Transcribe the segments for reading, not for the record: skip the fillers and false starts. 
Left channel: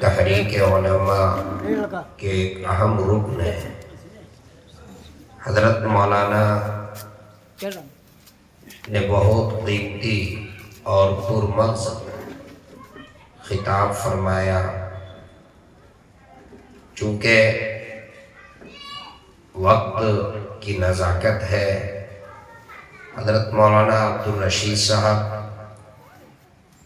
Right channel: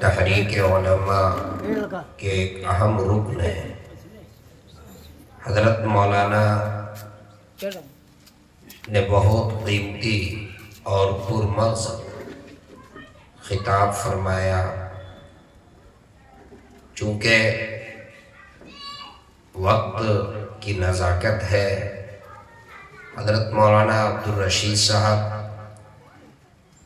تحریک علماء کے ایک اہم رکن ہے۔ حضرت مولانا نے بہت قیمتی اور پرمغز خطاب فرمایا، چونکہ وقت کی نزاکت ہے۔ حضرت مولانا عبدالرشید صاحب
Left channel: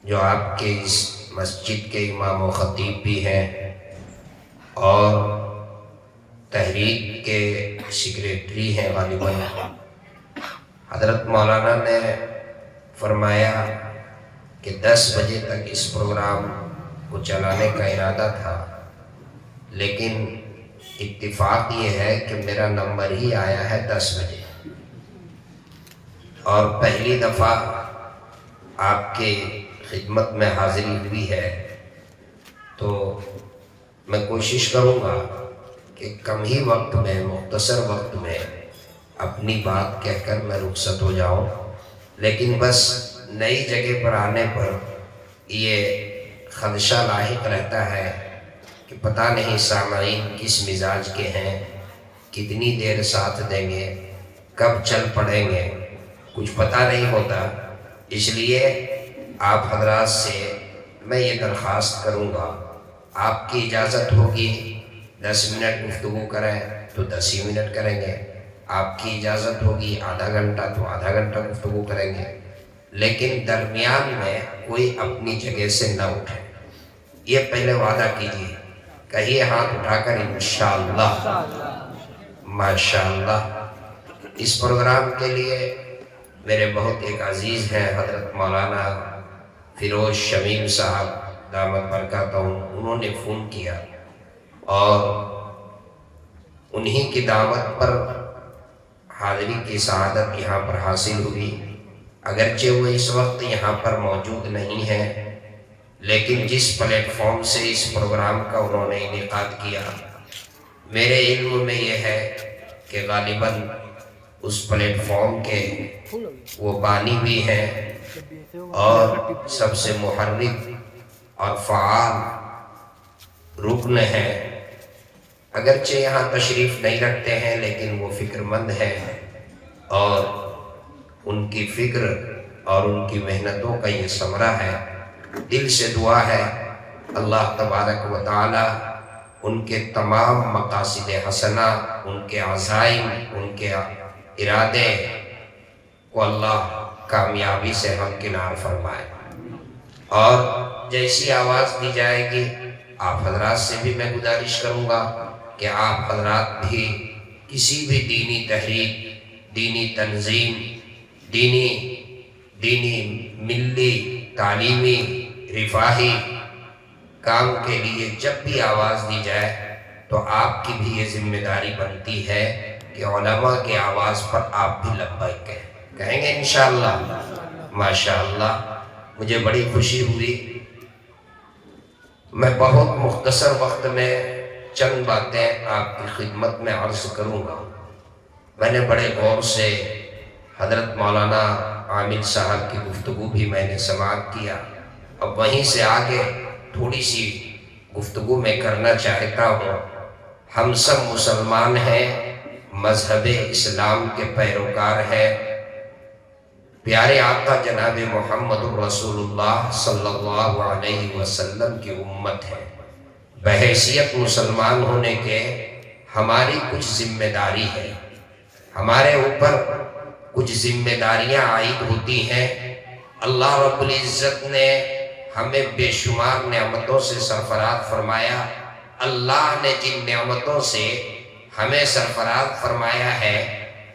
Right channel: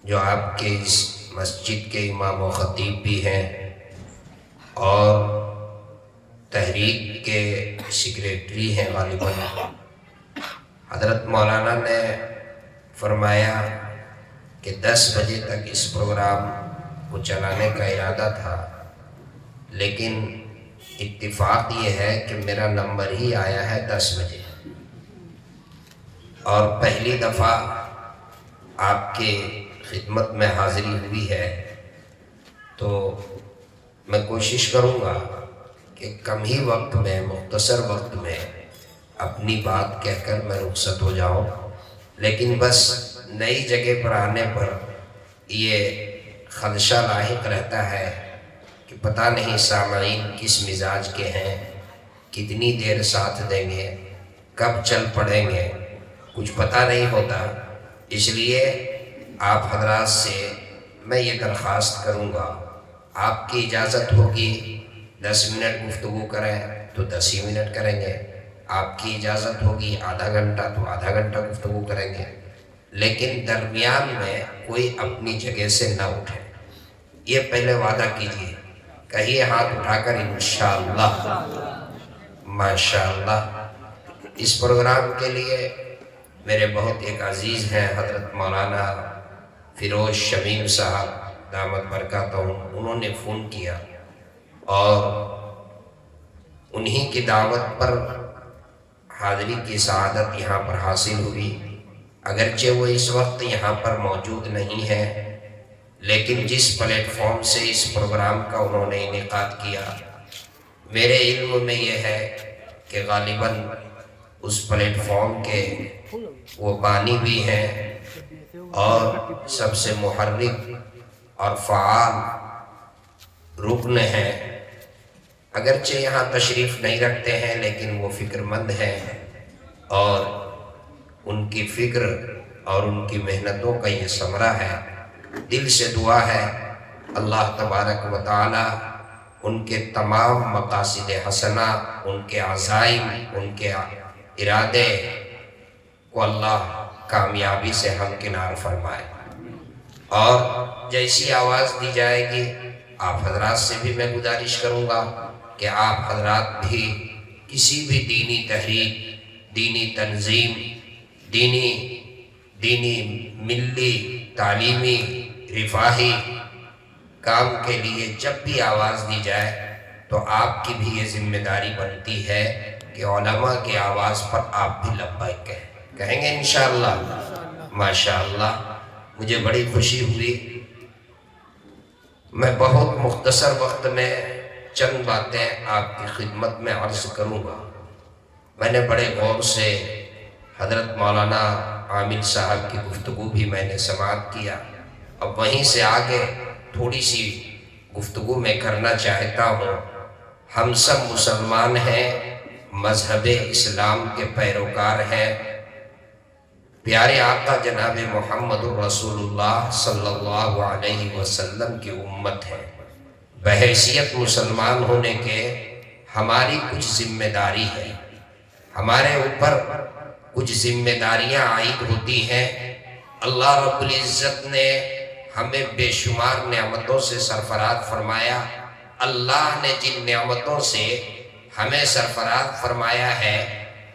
جو آپ کے اس مسجد کے امام و خطیب بھی ہیں اور تحریک کے سیکریٹری ہیں غالباً، حضرت مولانا نے فرمایا کہ 10 بجے تک اس پروگرام کو چلانے کا ارادہ تھا، لیکن اتفاق یہ ہے کہ میرا نمبر ہی آیا ہے 10 بجے، اور پہلی دفعہ آپ کے خدمت میں حاضری ہوئی ہے، تو میں کوشش کروں گا کہ کم ہی وقت میں، مختصر وقت میں اپنی بات کہہ کر میں رخصت ہو جاؤں۔ لیکن بس نئی جگہ پر آنے پر یہ خدشہ لاحق رہتا ہے کہ پتہ نہیں سامعین کس مزاج کے ہیں، کتنی دیر ساتھ دیں گے، کب چل پڑیں گے، کچھ پتہ نہیں ہوتا۔ اس لیے آپ حضرات سے میں یہ درخواست کروں گا، آپ کی اجازت ہوگی 10 منٹ گفتگو کریں تو 10 ہی منٹ کریں گے، آپ کی اجازت ہوگی آدھا گھنٹہ تو آدھا گھنٹہ گفتگو کریں گے، لیکن درمیان میں کوئی اپنی جگہ سے نہ اٹھے، یہ پہلے وعدہ کیجیے۔ کہیے ہاتھ اٹھا کر انشاءاللہ، ماشاءاللہ۔ اس پروگرام کے لیے میرے بہت ایک عزیز ہیں حضرت مولانا فیروز شمیم صاحب دامت برکاتہم، انہوں نے فون کیا اور انہی کی دعوت پر حاضری کی سعادت یہاں پر حاصل ہوئی۔ اگرچہ وہ اس وقت یہاں پر موجود نہیں ہیں، لیکن جس پلیٹ فارم سے اس پروگرام کا انہوں نے انعقاد کیا، میرے علم میں یہ ہے کہ غالباً اس پلیٹ فارم کے وہ بانی بھی ہیں اور سب سے محرک اور فعال رکن ہیں۔ اگرچہ یہاں تشریف نہیں رکھتے ہیں، لیکن وہ فکر مند ہیں، اور ان کی فکر اور ان کی محنتوں کا یہ ثمرہ ہے۔ دل سے دعا ہے اللہ تبارک و تعالی ان کے تمام مقاصد حسنہ، ان کے عزائم، ان کے ارادے کو اللہ کامیابی سے ہمکنار فرمائے۔ اور جیسی آواز دی جائے گی، آپ حضرات سے بھی میں گزارش کروں گا کہ آپ حضرات بھی کسی بھی دینی تحریک، دینی تنظیم، دینی ملی، تعلیمی، رفاہی کام کے لیے جب بھی آواز دی جائے تو آپ کی بھی یہ ذمہ داری بنتی ہے کہ علماء کی آواز پر آپ بھی لبیک کہیں گے انشاءاللہ، ماشاءاللہ۔ مجھے بڑی خوشی ہوئی۔ میں بہت مختصر وقت میں چند باتیں آپ کی خدمت میں عرض کروں گا۔ میں نے بڑے غور سے حضرت مولانا عامل صاحب کی گفتگو بھی میں نے سماعت کیا، اب وہیں سے آگے تھوڑی سی گفتگو میں کرنا چاہتا ہوں۔ ہم سب مسلمان ہیں، مذہب اسلام کے پیروکار ہیں، پیارے آقا جناب محمد الرسول اللہ صلی اللہ علیہ وسلم کی امت ہے۔ بحیثیت مسلمان ہونے کے ہماری کچھ ذمہ داری ہے، ہمارے اوپر کچھ ذمہ داریاں عائد ہوتی ہیں۔ اللہ رب العزت نے ہمیں بے شمار نعمتوں سے سرفراز فرمایا۔ اللہ نے جن نعمتوں سے ہمیں سرفراز فرمایا ہے،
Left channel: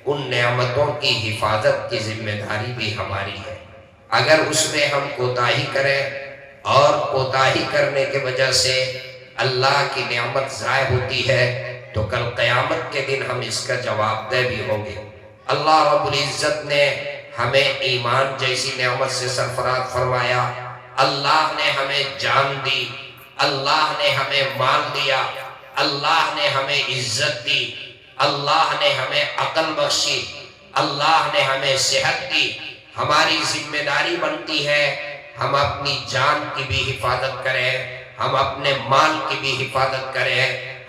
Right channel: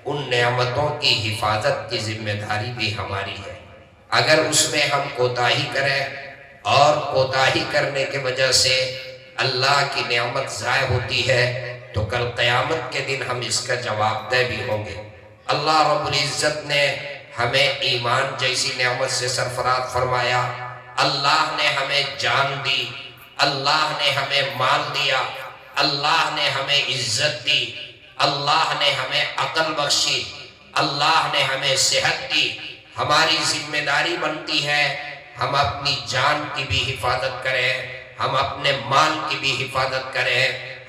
ان نعمتوں کی حفاظت کی ذمہ داری بھی ہماری ہے۔ اگر اس میں ہم کوتاہی کریں اور کوتاہی کرنے کی وجہ سے اللہ کی نعمت ضائع ہوتی ہے تو کل قیامت کے دن ہم اس کا جواب دہ بھی ہوں گے۔ اللہ رب العزت نے ہمیں ایمان جیسی نعمت سے سرفراز فرمایا، اللہ نے ہمیں جان دی، اللہ نے ہمیں مال دیا، اللہ نے ہمیں عزت دی، اللہ نے ہمیں عقل بخشی، اللہ نے ہمیں صحت دی۔ ہماری ذمہ داری بنتی ہے ہم اپنی جان کی بھی حفاظت کریں، ہم اپنے مال کی بھی حفاظت کریں،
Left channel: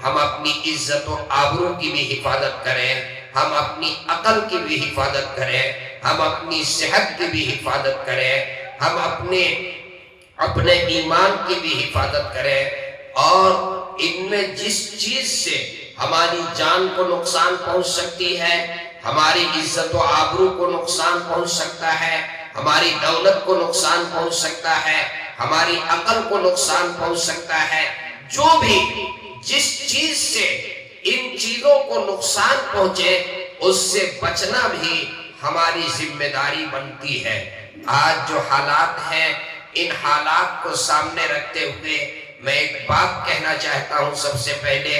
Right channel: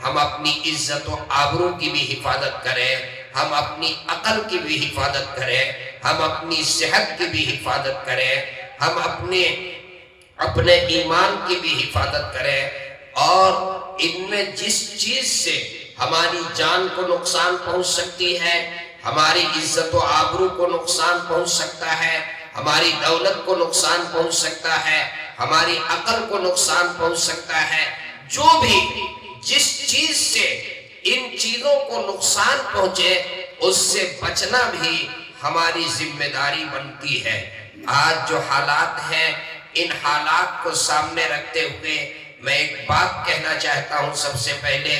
ہم اپنی عزت و آبرو کی بھی حفاظت کریں، ہم اپنی عقل کی بھی حفاظت کریں، ہم اپنی صحت کی بھی حفاظت کریں، ہم اپنے ایمان کی بھی حفاظت کریں، اور ان میں جس چیز سے ہماری جان کو نقصان پہنچ سکتی ہے، ہماری عزت و آبرو کو نقصان پہنچ سکتا ہے، ہماری دولت کو نقصان پہنچ سکتا ہے، ہماری عقل کو نقصان پہنچ سکتا ہے، جو بھی جس چیز سے ان چیزوں کو نقصان پہنچے اس سے بچنا بھی ہماری ذمہ داری بنتی ہے۔ آج جو حالات ہیں، ان حالات کو سامنے رکھتے ہوئے میں ایک بات کہنا چاہتا ہوں۔ سب سے پہلے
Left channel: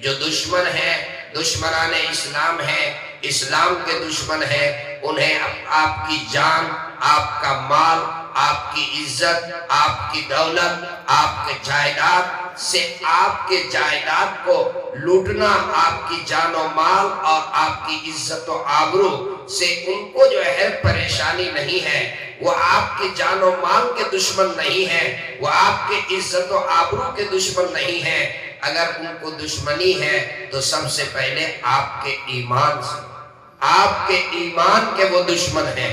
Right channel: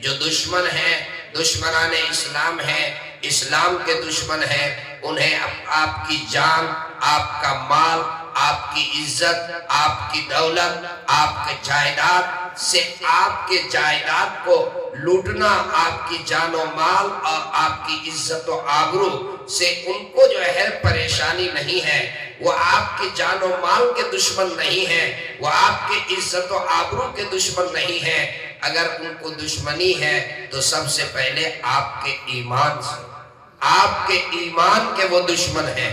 جو دشمن ہیں، دشمنان اسلام ہیں، اسلام کے دشمن ہیں، انہیں آپ کی جان، آپ کا مال، آپ کی عزت، آپ کی دولت، آپ کے جائیداد سے، آپ کے جائیداد کو لوٹنا، آپ کی جان و مال اور آپ کی عزت و آبرو سے ان کو جو ہے پریشانی نہیں ہے۔ وہ آپ کی جان و مال کے دشمن نہیں ہیں، وہ آپ کے عزت و آبرو کے دشمن نہیں ہیں۔ اگر ان کو دشمنی ہے تو سب سے پہلے آپ کے ایمان سے، آپ کے ایمان کے وہ دشمن ہیں۔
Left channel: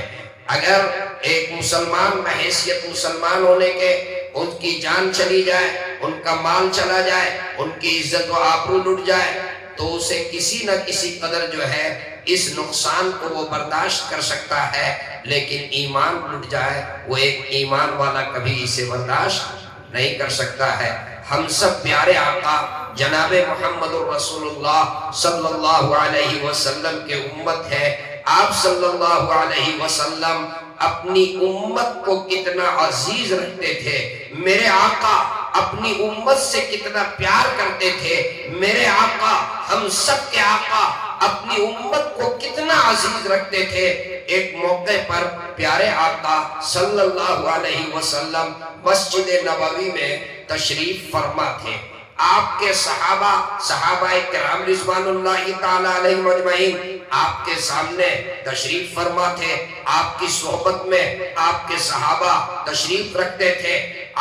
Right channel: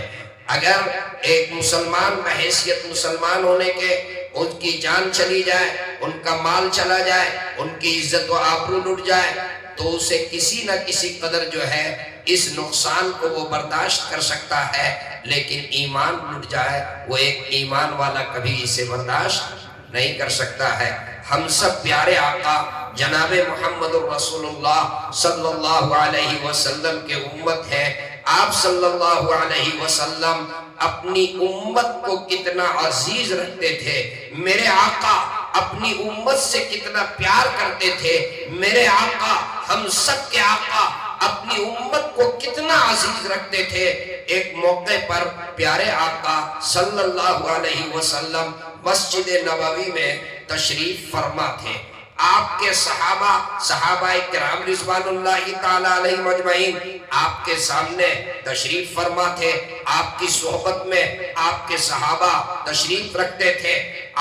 اگر ایک مسلمان بحیثیت مسلمان ہونے کے ان کی جان چلی جائے، ان کا مال چلا جائے، ان کی عزت و آبرو لٹ جائے، تو اسے کسی نہ کسی قدر جو ہے اس نقصان کو وہ برداشت کر سکتا ہے، لیکن ایمان لٹ جائے وہ ایک ایمان والا کبھی اسے برداشت نہیں کر سکتا ہے۔ ہم سب پیارے آقا جناب محمد رسول اللہ صلی اللہ علیہ وسلم کے امت ہے۔ آپ صلی اللہ علیہ وسلم اپنی امت کو کتنا عزیز رکھتے تھے، میرے آقا اپنی امت سے کتنا پیار کرتے تھے، میرے آقا ہم سب کے آقا اپنی امت کو کتنا عزیز رکھتے تھے۔ ایک موقع پر پیارے آقا صلی اللہ علیہ وسلم مسجد نبوی میں تشریف فرما تھے۔ آپ کے صحابہ کرام رضوان اللہ تعالی علیہ مجمعین آپ کے سامنے تشریف فرما تھے، آپ کی صحبت میں آپ کے صحابہ تشریف رکھتے تھے۔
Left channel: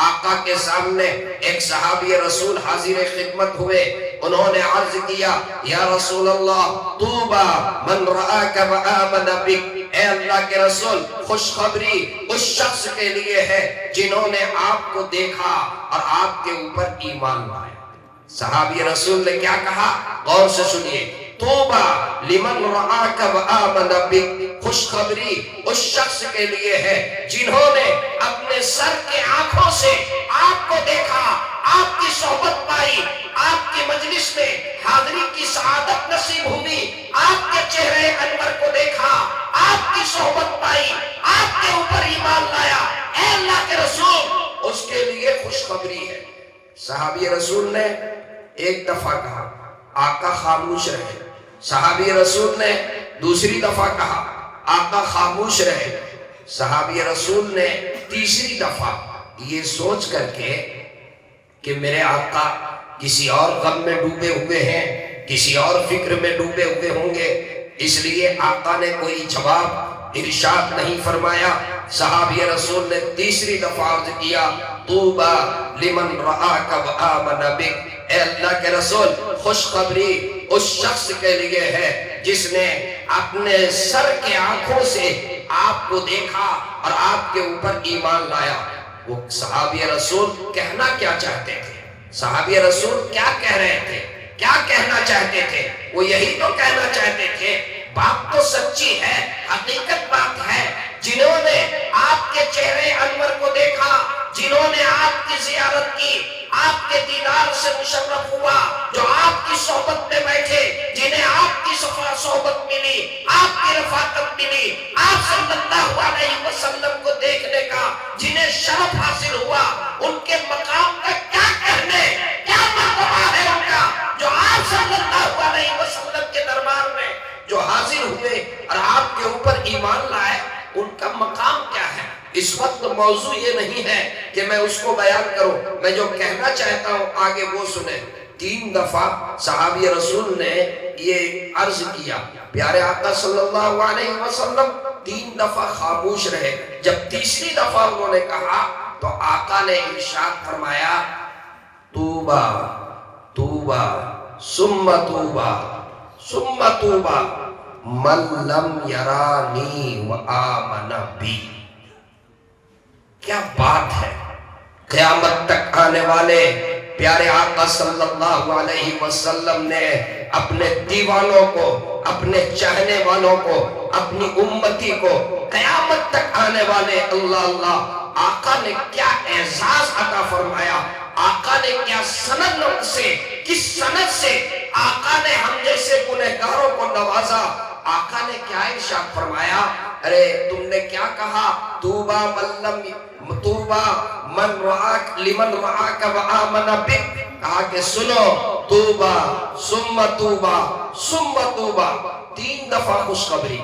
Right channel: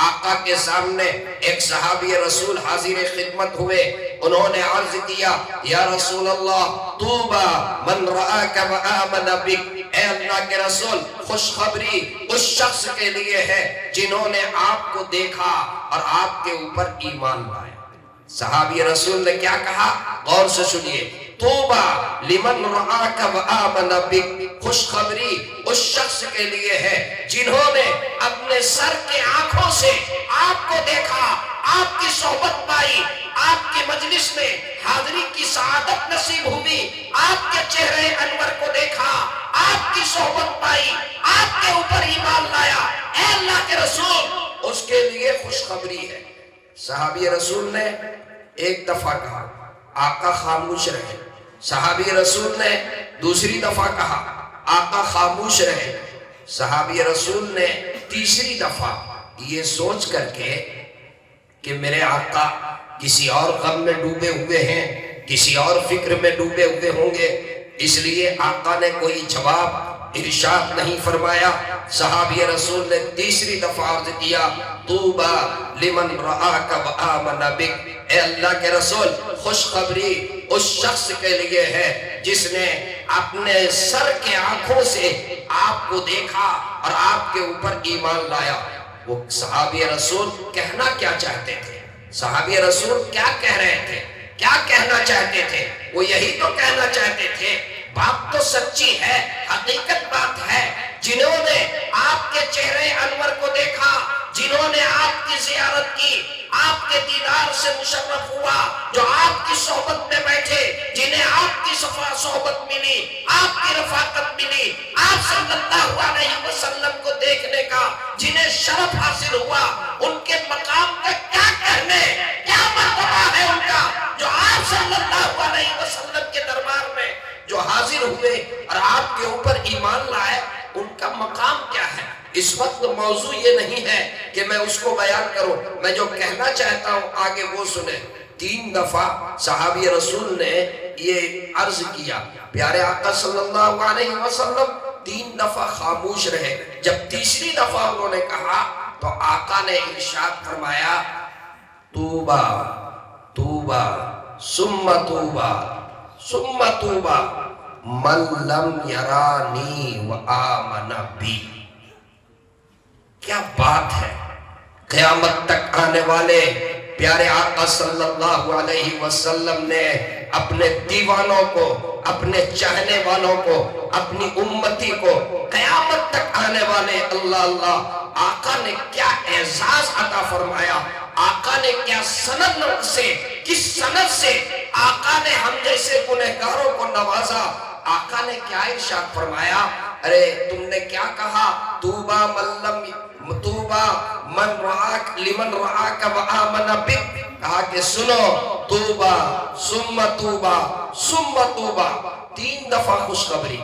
آقا کے سامنے ایک صحابی رسول حاضر خدمت ہوئے، انہوں نے عرض کیا، یا رسول اللہ طوبى من رآک وآمن بک، اے اللہ کے رسول خوشخبری اس شخص کے لیے ہے جنہوں نے آپ کو دیکھا اور آپ کے اوپر ایمان لائے۔ صحابی رسول نے کیا کہا؟ غور سے سنیے، طوبى لمن رآک وآمن بک، خوشخبری اس شخص کے لیے ہے جنہوں نے اپنے سر کے آنکھوں سے آپ کو دیکھا، آپ کی صحبت پائی، آپ کی مجلس میں حاضری کی سعادت نصیب ہوئی، آپ کے چہرے انور کو دیکھا، آپ کی صحبت پائی، آپ کے اوپر ایمان لایا، اے اللہ کے رسول اس کے لیے خوشخبری ہے۔ صحابی رسول نے ایک دفعہ کہا، آقا خاموش رہے۔ صحابی رسول نے دوسری دفعہ کہا، آقا خاموش رہے۔ صحابی رسول نے تیسری دفعہ یہ سوچ کر کے کہ میرے آقا کسی اور غم میں ڈوبے ہوئے ہیں، کسی اور فکر میں ڈوبے ہوئے ہوں گے، اس لیے آقا نے کوئی جواب ارشاد نہیں فرمایا۔ صحابی رسول نے تیسری دفعہ عرض کیا، طوبى لمن رآک وآمن بک، اے اللہ کے رسول خوشخبری اس شخص کے لیے ہے جس نے اپنے سر کے آنکھوں سے آپ کو دیکھا اور آپ کے اوپر ایمان لایا۔ وہ صحابی رسول کہنا کیا چاہتے تھے؟ صحابی رسول کیا کہہ رہے تھے؟ کیا کہنا چاہتے تھے؟ وہ یہی تو کہنا چاہتے تھے، بات تو سچی ہے، حقیقت بات ہے، جنہوں نے آپ کے چہرے انور کو دیکھا، جنہوں نے آپ کی زیارت کی، آپ کے دیدار سے مشرف ہوا، جو آپ کی صحبت میں بیٹھے، جنہیں آپ کی صحبت ملی، آپ کی رفاقت ملی، آپ صلی اللہ علیہ وسلم کو دیکھنے کا جنہیں شرف حاصل ہوا، ان کے مقام کا کیا کہنے، کیا مرتبہ ہے ان کا، جو آپ صلی اللہ علیہ وسلم کے دربار میں جو حاضر ہوئے اور آپ کے اوپر ایمان لائے، ان کا مقام کیا ہے۔ اس وقت موضوع یہ نہیں ہے کہ میں اس کو بیان کروں، میں جو کہنا چاہتا ہوں آگے وہ سنیں۔ 3 دفعہ صحابی رسول نے یہ عرض کیا، پیارے آقا صلی اللہ علیہ وسلم 3 دفعہ خاموش رہے۔ جب تیسری دفعہ انہوں نے کہا تو آقا نے ارشاد فرمایا، توبہ توبہ ثم توبہ ثم توبہ من لم یرانی و آمن بی. کیا بات ہے. قیامت تک آنے والے پیارے آقا صلی اللہ علیہ وسلم نے اپنے دیوانوں کو، اپنے چاہنے والوں کو، اپنی امتی کو، قیامت تک آنے والے اللہ اللہ آقا نے کیا اعزاز عطا فرمایا. آقا نے کیا سند سے، کس سند سے آقا نے ہم جیسے گنہگاروں کو نوازا. آقا نے کیا ارشاد فرمایا. ارے تم نے کیا کہا. توبہ من رعاک لمن رعاک و آمن بک. کہا کہ سنو توبہ ثم توبہ ثم توبہ. 3 دفعہ خوشخبری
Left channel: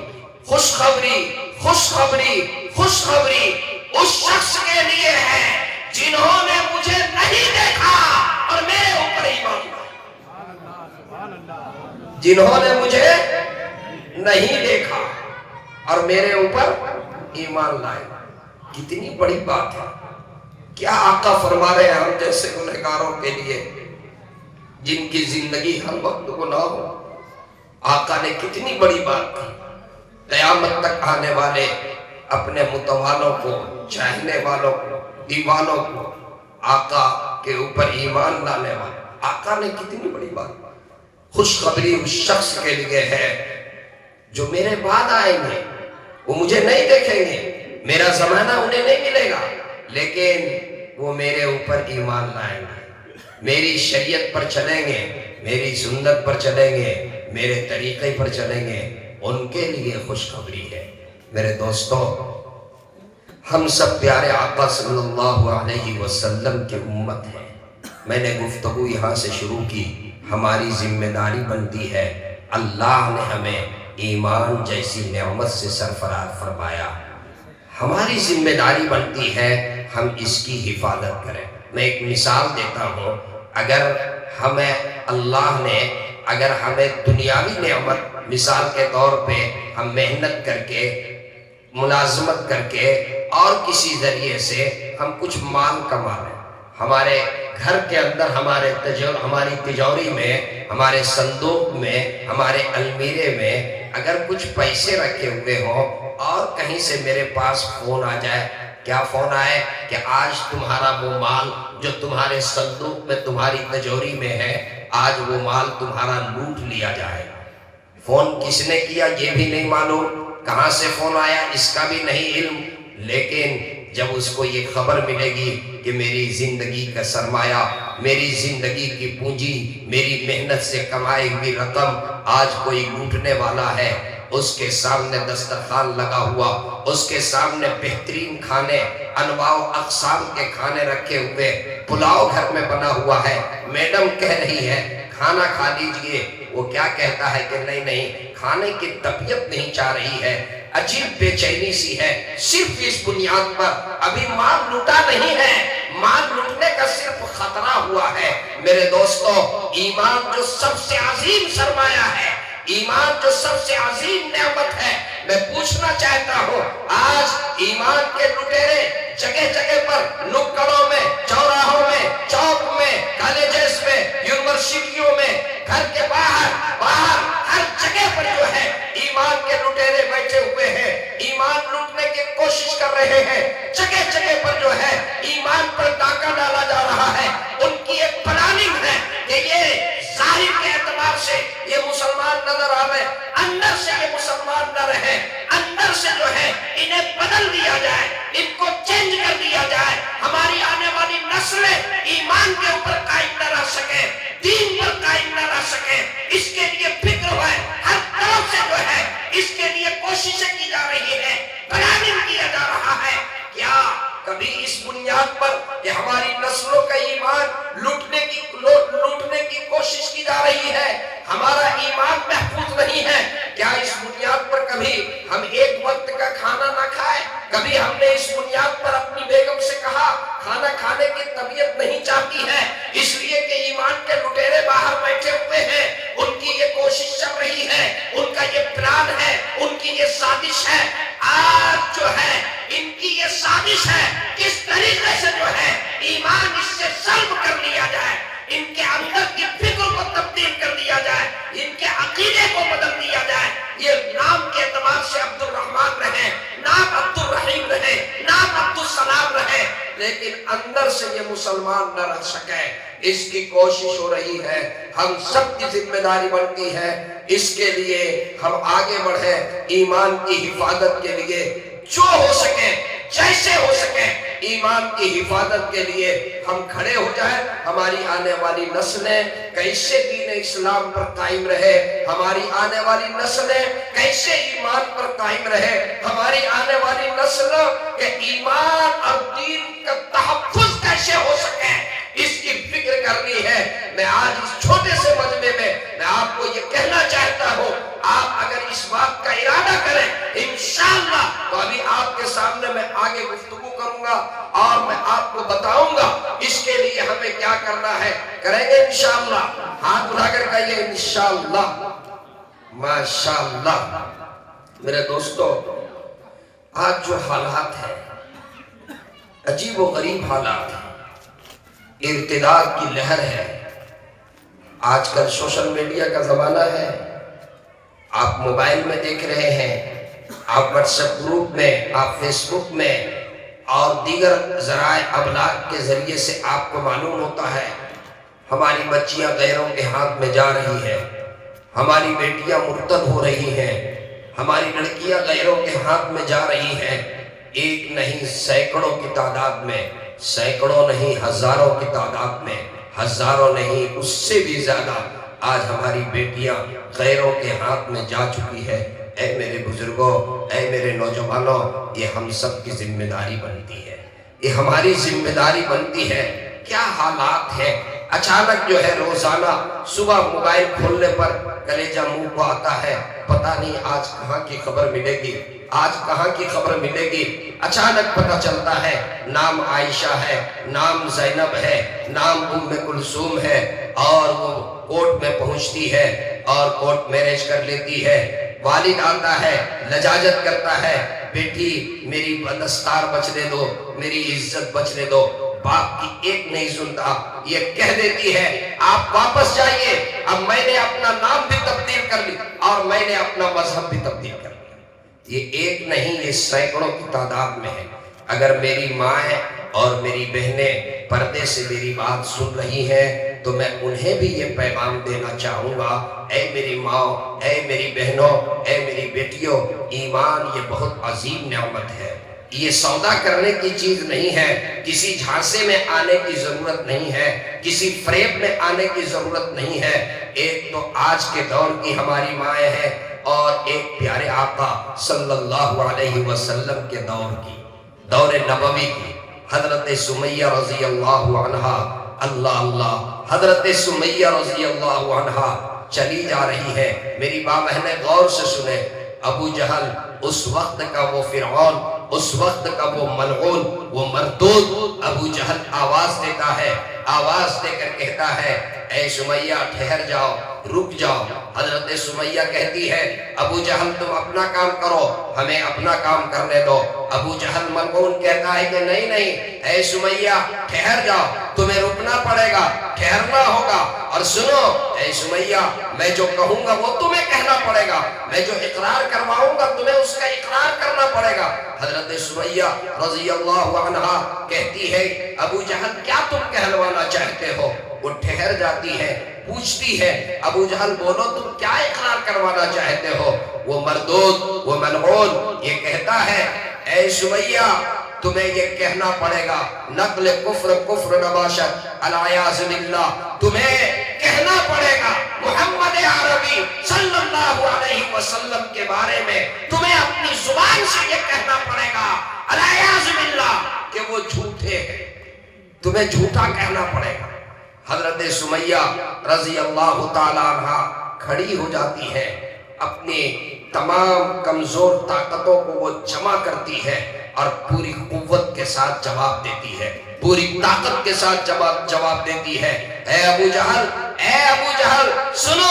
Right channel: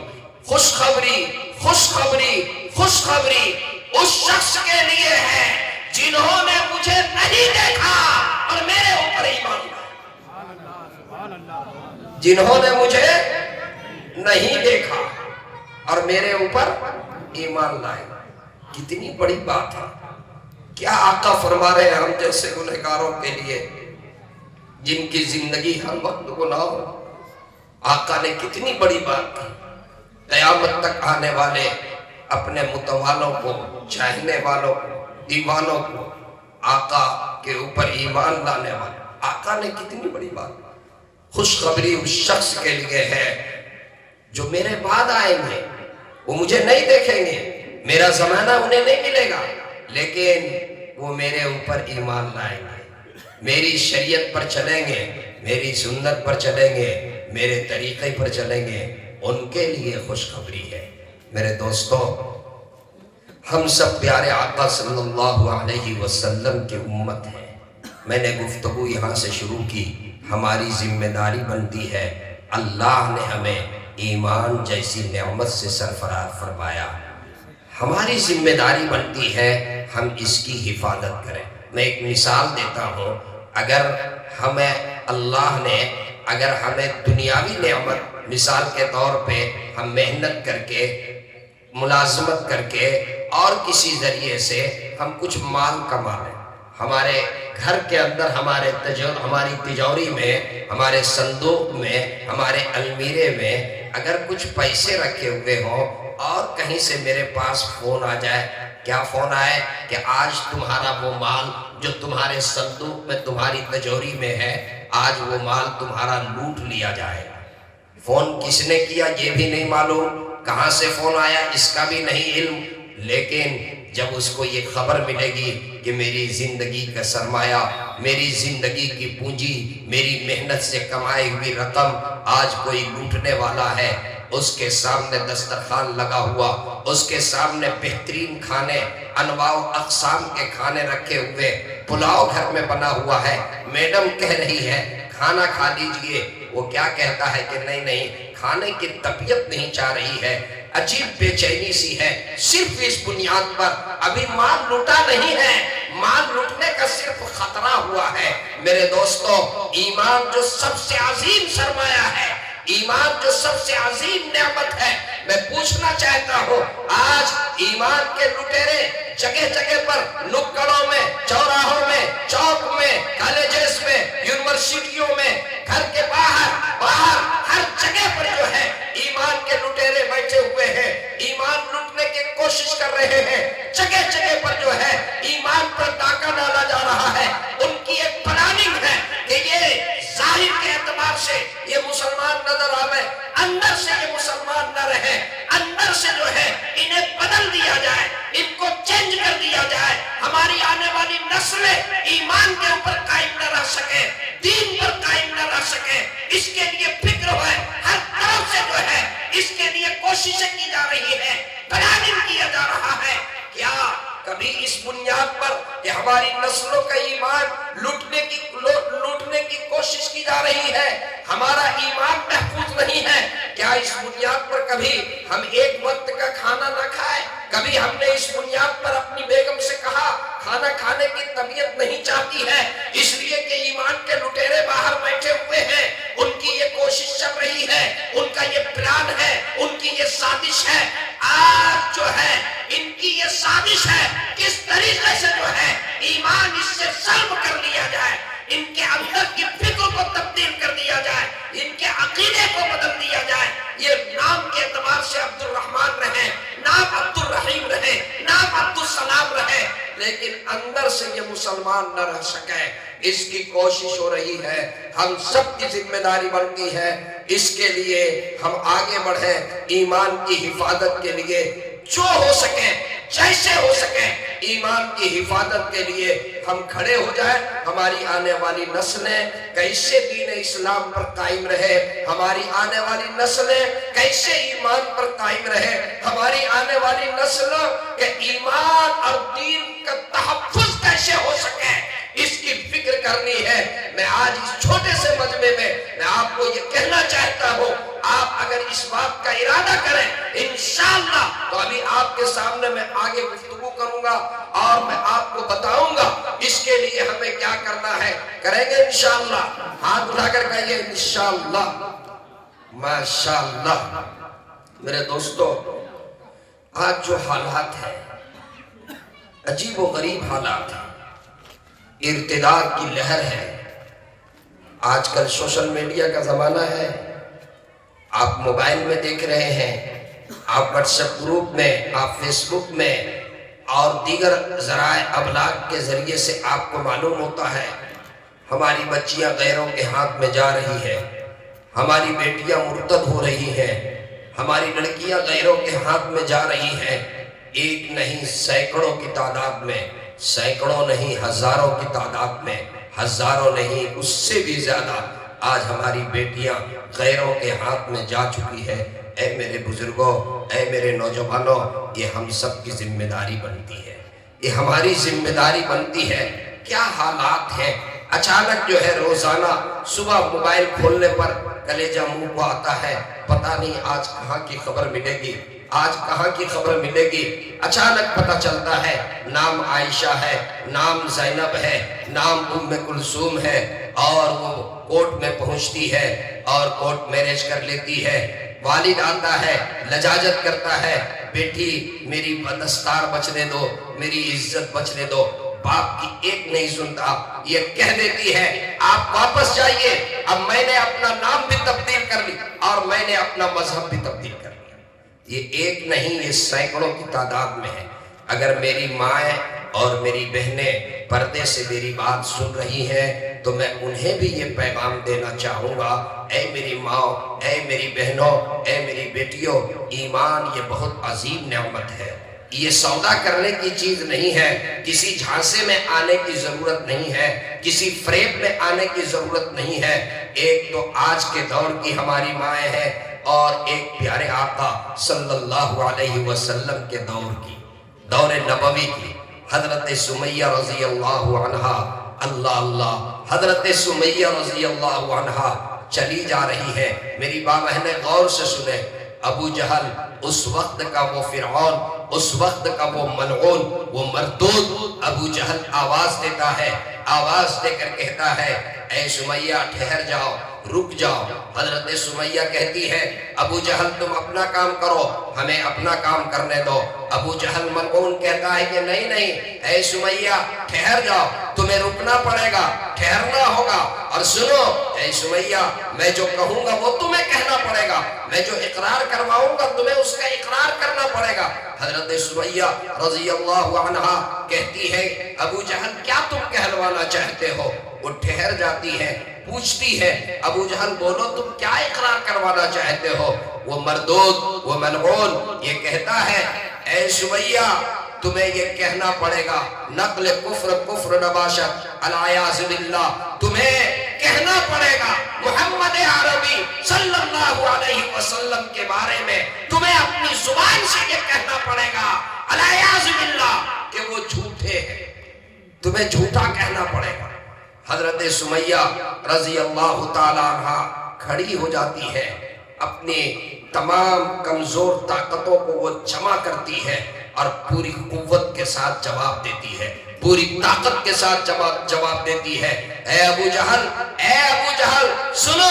خوشخبری خوشخبری خوشخبری اس شخص کے لیے ہے جنہوں نے مجھے نہیں دیکھا اور میرے اوپر ایمان لائے. جنہوں نے مجھے نہیں دیکھا اور میرے اوپر ایمان لائے. کتنی بڑی بات ہے. کیا آقا فرما رہے ہیں ہم جیسے گنہگاروں کے لیے جن کی زندگی ہر وقت گناہ ہو. آقا نے کتنی بڑی بات کی. قیامت تک آنے والے اپنے متوالوں کو، چاہنے والوں کو، دیوانوں کو، آقا کے اوپر ایمان لانے والے. آقا نے کتنی بڑی بات. خوشخبری اس شخص کے لیے ہے جو میرے بعد آئیں گے. وہ مجھے نہیں دیکھیں گے، میرا زمانہ انہیں نہیں ملے گا، لیکن وہ میرے اوپر ایمان لائیں گے، میری شریعت پر چلیں گے، میری سنت پر چلیں گے، میرے طریقے پر چلیں گے. ان کے لیے خوشخبری ہے. میرے دوستو، ہم سب پیارے آقا صلی اللہ علیہ وسلم کی امت ہیں. میں نے گفتگو یہاں سے شروع کی. ہماری ذمہ داری بنتی ہے. اللہ نے ہمیں ایمان جیسی نعمت سے سرفراز فرمایا. ہماری ذمہ داری بنتی ہے ہم اس کی حفاظت کریں. میں ایک مثال دیتا ہوں. اگر ہمیں اللہ نے دنیاوی نعمت، مثال کے طور پہ ہم محنت کر کے، ملازمت کر کے اور کسی ذریعے سے ہم کچھ مال کما رہے ہیں، ہمارے گھر کے اندر ہماری تجوری میں، ہمارے صندوق میں، ہمارے المیرے میں اگر کچھ پیسے رکھے ہوئے ہوں اور کہیں سے میرے پاس فون آ جائے. کیا فون آئے کہ آج تمہارا وہ مال جو تمہارے صندوق میں، تمہاری تجوری میں ہے، آج وہ مال تمہارا لوٹ لیا جائے. فون کس نے کیا یہ بھی نہیں معلوم، کہاں سے فون آیا اس کا بھی نہیں علم. لیکن جب اس کو یہ خبر ملے گی کہ میری زندگی کا سرمایہ، میری زندگی کی پونجی، میری محنت سے کمائی ہوئی رقم آج کوئی لوٹنے والا ہے، اس کے سامنے دسترخوان لگا ہوا، اس کے سامنے بہترین کھانے، انواع و اقسام کے کھانے رکھے ہوئے، پلاؤ گھر میں بنا ہوا ہے، میڈم کہہ رہی ہے کھانا کھا لیجئے، وہ کیا کہتا ہے کہ نہیں کھانے کی طبیعت نہیں چاہ رہی ہے، عجیب بے چینی سی ہے. صرف اس بنیاد پر ابھی مال لوٹا نہیں ہے، مال لوٹنے کا صرف خطرہ ہوا ہے. میرے دوستو، ایمان جو سب سے عظیم سرمایہ ہے، ایمان جو سب سے عظیم نعمت ہے، میں پوچھنا چاہتا ہوں آج ایمان کے لٹیرے جگہ جگہ پر، نکڑوں میں، چوراہوں میں، چوک میں، کالجز میں، یونیورسٹیوں میں، گھر کے باہر ہر جگہ پر جو ہے ایمان کے لٹیرے بیٹھے ہوئے ہیں، ایمان لوٹنے کی کوشش کر رہے ہیں. جگہ جگہ پر جو ہے ایمان پر ڈاکہ ڈالا جا رہا ہے. ان کی ایک پلاننگ ہے کہ یہ ظاہر کے اعتبار سے یہ مسلمان نظر آوے، اندر سے یہ مسلمان نہ رہے، اندر سے جو ہے انہیں بدل دیا جائے، ان کو چینج کر دیا جائے. ہماری آنے والی نسلیں ایمان کے اوپر قائم نہ رہ سکے، دین پر قائم نہ رہ سکے. اس کے لیے فکر ہے، ہر طرف سے جو ہے اس کے لیے کوششیں کی جا رہی ہے، پلاننگ کیا جا رہا ہے. کیا کبھی اس بنیاد پر کہ ہماری نسلوں کا ایمان لوٹنے کی کوشش کی جا رہی ہے، ہمارا ایمان محفوظ نہیں ہے، کیا اس بنیاد پر کبھی ہم ایک وقت کا کھانا نہ کھائیں؟ کبھی ہم نے اس بنیاد پر اپنی بیگم سے کہا کھانا کھانے کی طبیعت نہیں چاہتی ہے اس لیے کہ ایمان کے لٹیرے باہر بیٹھے ہوئے ہیں، ان کی یہ کوشش چل رہی ہے، ان کا یہ پلان ہے، ان کی یہ سازش ہے. آج جو ہے ان کی یہ سازش ہے کس طریقے سے جو ہے ایمان اس سے سلب کر لیا جائے. ان کے اندر کی فکر کو تبدیل کر دیا جائے، ان کے عقیدے کو بدل دیا جائے۔ یہ نام کے اعتبار سے عبد الرحمن رہے، نام عبد الرحیم رہے، نام عبد السلام رہے، لیکن اندر سے یہ مسلمان نہ رہ سکے۔ اس کی کوشش ہو رہی ہے، ہم سب کی ذمہ داری بنتی ہے، اس کے لیے ہم آگے بڑھیں، ایمان کی حفاظت کے لیے جو ہو سکے، جیسے ہو سکے، ایمان کی حفاظت کے لیے ہم کھڑے ہو جائیں۔ ہماری آنے والی نسلیں کیسے دین اسلام پر قائم رہے، ہماری آنے والی نسلیں کیسے ایمان پر قائم رہے، ہماری آنے والی نسل کے ایمان اور دین کا تحفظ کیسے ہو سکے، اس کی فکر کرنی ہے۔ میں آج اس چھوٹے سے مجمع میں آپ کو یہ کہنا چاہتا ہوں، آپ اگر اس بات کا ارادہ کریں انشاءاللہ تو ابھی آپ کے سامنے میں آگے گفتگو کروں گا اور میں آپ کو بتاؤں گا اس کے لیے ہمیں کیا کرنا ہے، کریں گے انشاءاللہ۔ ہاتھ اٹھا کر کہیے انشاءاللہ، ماشاءاللہ۔ میرے دوستو، آج جو حالات ہیں عجیب و غریب حالات ہیں، ارتداد کی لہر ہے۔ آج کل سوشل میڈیا کا زمانہ ہے، آپ موبائل میں دیکھ رہے ہیں، آپ واٹس ایپ گروپ میں، آپ فیس بک میں اور دیگر ذرائع ابلاغ کے ذریعے سے آپ کو معلوم ہوتا ہے ہماری بچیاں غیروں کے ہاتھ میں جا رہی ہیں، ہماری بیٹیاں مرتد ہو رہی ہیں، ہماری لڑکیاں غیروں کے ہاتھ میں جا رہی ہیں۔ ایک نہیں سینکڑوں کی تعداد میں، سینکڑوں نہیں ہزاروں کی تعداد میں، ہزاروں نہیں اس سے بھی زیادہ آج ہماری بیٹیاں غیروں کے ہاتھ میں جا چکی ہے۔ اے میرے بزرگوں، اے میرے نوجوانوں، یہ ہم سب کی ذمہ داری بنتی ہے، یہ ہماری ذمہ داری بنتی ہے۔ کیا حالات ہیں، اچانک جو ہے روزانہ صبح موبائل کھولنے پر کلیجہ منہ کو آتا ہے، پتہ نہیں آج کہاں کی خبر ملے گی، آج کہاں کی خبر ملے گی۔ اچانک پتہ چلتا ہے نام عائشہ ہے، نام زینب ہے، نام ام کلثوم ہے، اور وہ کورٹ میں پہنچتی ہے اور کورٹ میرج کر لیتی ہے۔ والد آتا ہے، لجاجت کرتا ہے، بیٹی میری دستار بچنے دو، میری عزت بچنے دو۔ باپ کی ایک نہیں سنتا، یہ کہہ دیتی ہے آپ واپس جائیے، اب میں نے اپنا نام بھی تبدیل کر لی اور میں نے اپنا مذہب بھی تبدیل کر لیا۔ یہ ایک نہیں، یہ سینکڑوں کی تعداد میں ہے۔ اگر میری ماں اور میری بہنیں پردے سے میری بات سن رہی ہیں تو میں انہیں بھی یہ پیغام دینا چاہوں گا، اے میری ماں، اے میری بہنوں، اے میری بیٹیوں، ایمان یہ بہت عظیم نعمت ہے، یہ سودا کرنے کی چیز نہیں ہے، کسی جھانسے میں آنے کی ضرورت نہیں ہے، کسی فریب میں آنے کی ضرورت نہیں ہے۔ ایک تو آج کے دور کی ہماری مائیں ہیں اور ایک پیارے آقا صلی اللہ علیہ وسلم کے دور کی، دور نبوی کی، حضرت سمیہ رضی اللہ عنہا، اللہ اللہ، حضرت سمیہ رضی اللہ عنہا چلی جا رہی ہے۔ میری ماں بہنیں غور سے سنیں، ابو جہل اس وقت کا وہ فرعون، اس وقت کا وہ ملعون، وہ مردود، ابو جہل آواز دیتا ہے، آواز دے کر کہتا ہے اے سمیہ ٹھہر جاؤ، رک جاؤ۔ حضرت سمیہ کہتی ہے ابو جہل تم اپنا کام کرو، ہمیں اپنا کام کرنے دو۔ ابو جہل ملعون کہتا ہے کہ نہیں نہیں اے سمیہ ٹھہر جاؤ، تمہیں رکنا پڑے گا، ٹھہرنا ہوگا، اور سنو اے سمیہ میں جو کہوں گا وہ تمہیں کہنا پڑے گا، میں جو اقرار کرواؤں گا تمہیں اس کا اقرار کرنا پڑے گا۔ حضرت سمیہ رضی اللہ عنہا کہتی ہے ابو جہل کیا تم کہلوانا چاہتے ہو؟ وہ ٹھہر جاتی ہے، پوچھتی ہے ابو جہل بولو تم کیا اقرار کروانا چاہتے ہو؟ وہ مردود، وہ ملعون یہ کہتا ہے اے سمیہ تمہیں یہ کہنا پڑے گا، نقل کفر کفر نباشت العیاذ باللہ، تمہیں کہنا پڑے گا محمد عربی صلی اللہ علیہ وسلم کے بارے میں، تمہیں اپنی زبان سے یہ کہنا پڑے گا العیاذ باللہ کہ وہ جھوٹے ہیں، تمہیں جھوٹا کہنا پڑے گا۔ حضرت سمیہ رضی اللہ تعالی عنہ کھڑی ہو جاتی ہے، اپنی تمام کمزور طاقتوں کو وہ جمع کرتی ہے اور پوری قوت کے ساتھ جواب دیتی ہے، پوری طاقت کے ساتھ جواب دیتی ہے اے ابو جہل سنو،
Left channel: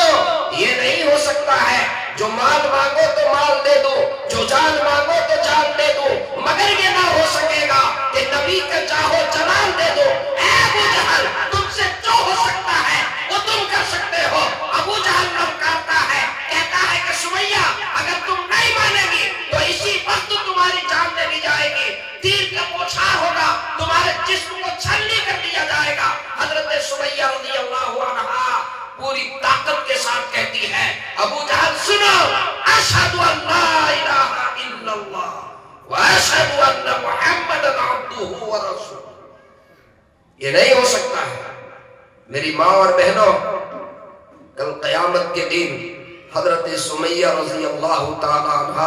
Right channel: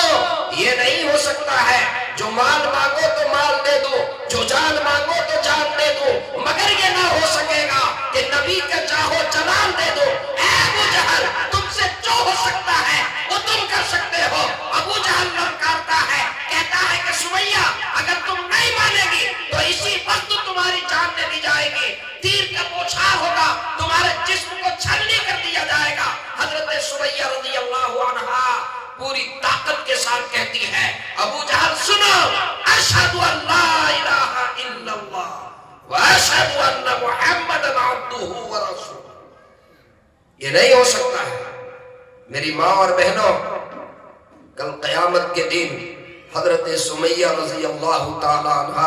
یہ نہیں ہو سکتا ہے جو مال مانگو تو مال دے دو، جو جان مانگو تو جان دے دو، مگر یہ نہ ہو سکے گا کہ نبی کا چاہو جلال دے دو۔ اے ابو جہل تم سے جو ہو سکتا یہ نہیں ہو سکتا ہے۔ میری ماں اور بہنوں، کل قیامت کے دن حضرت سمیہ رضی اللہ تعالی عنہ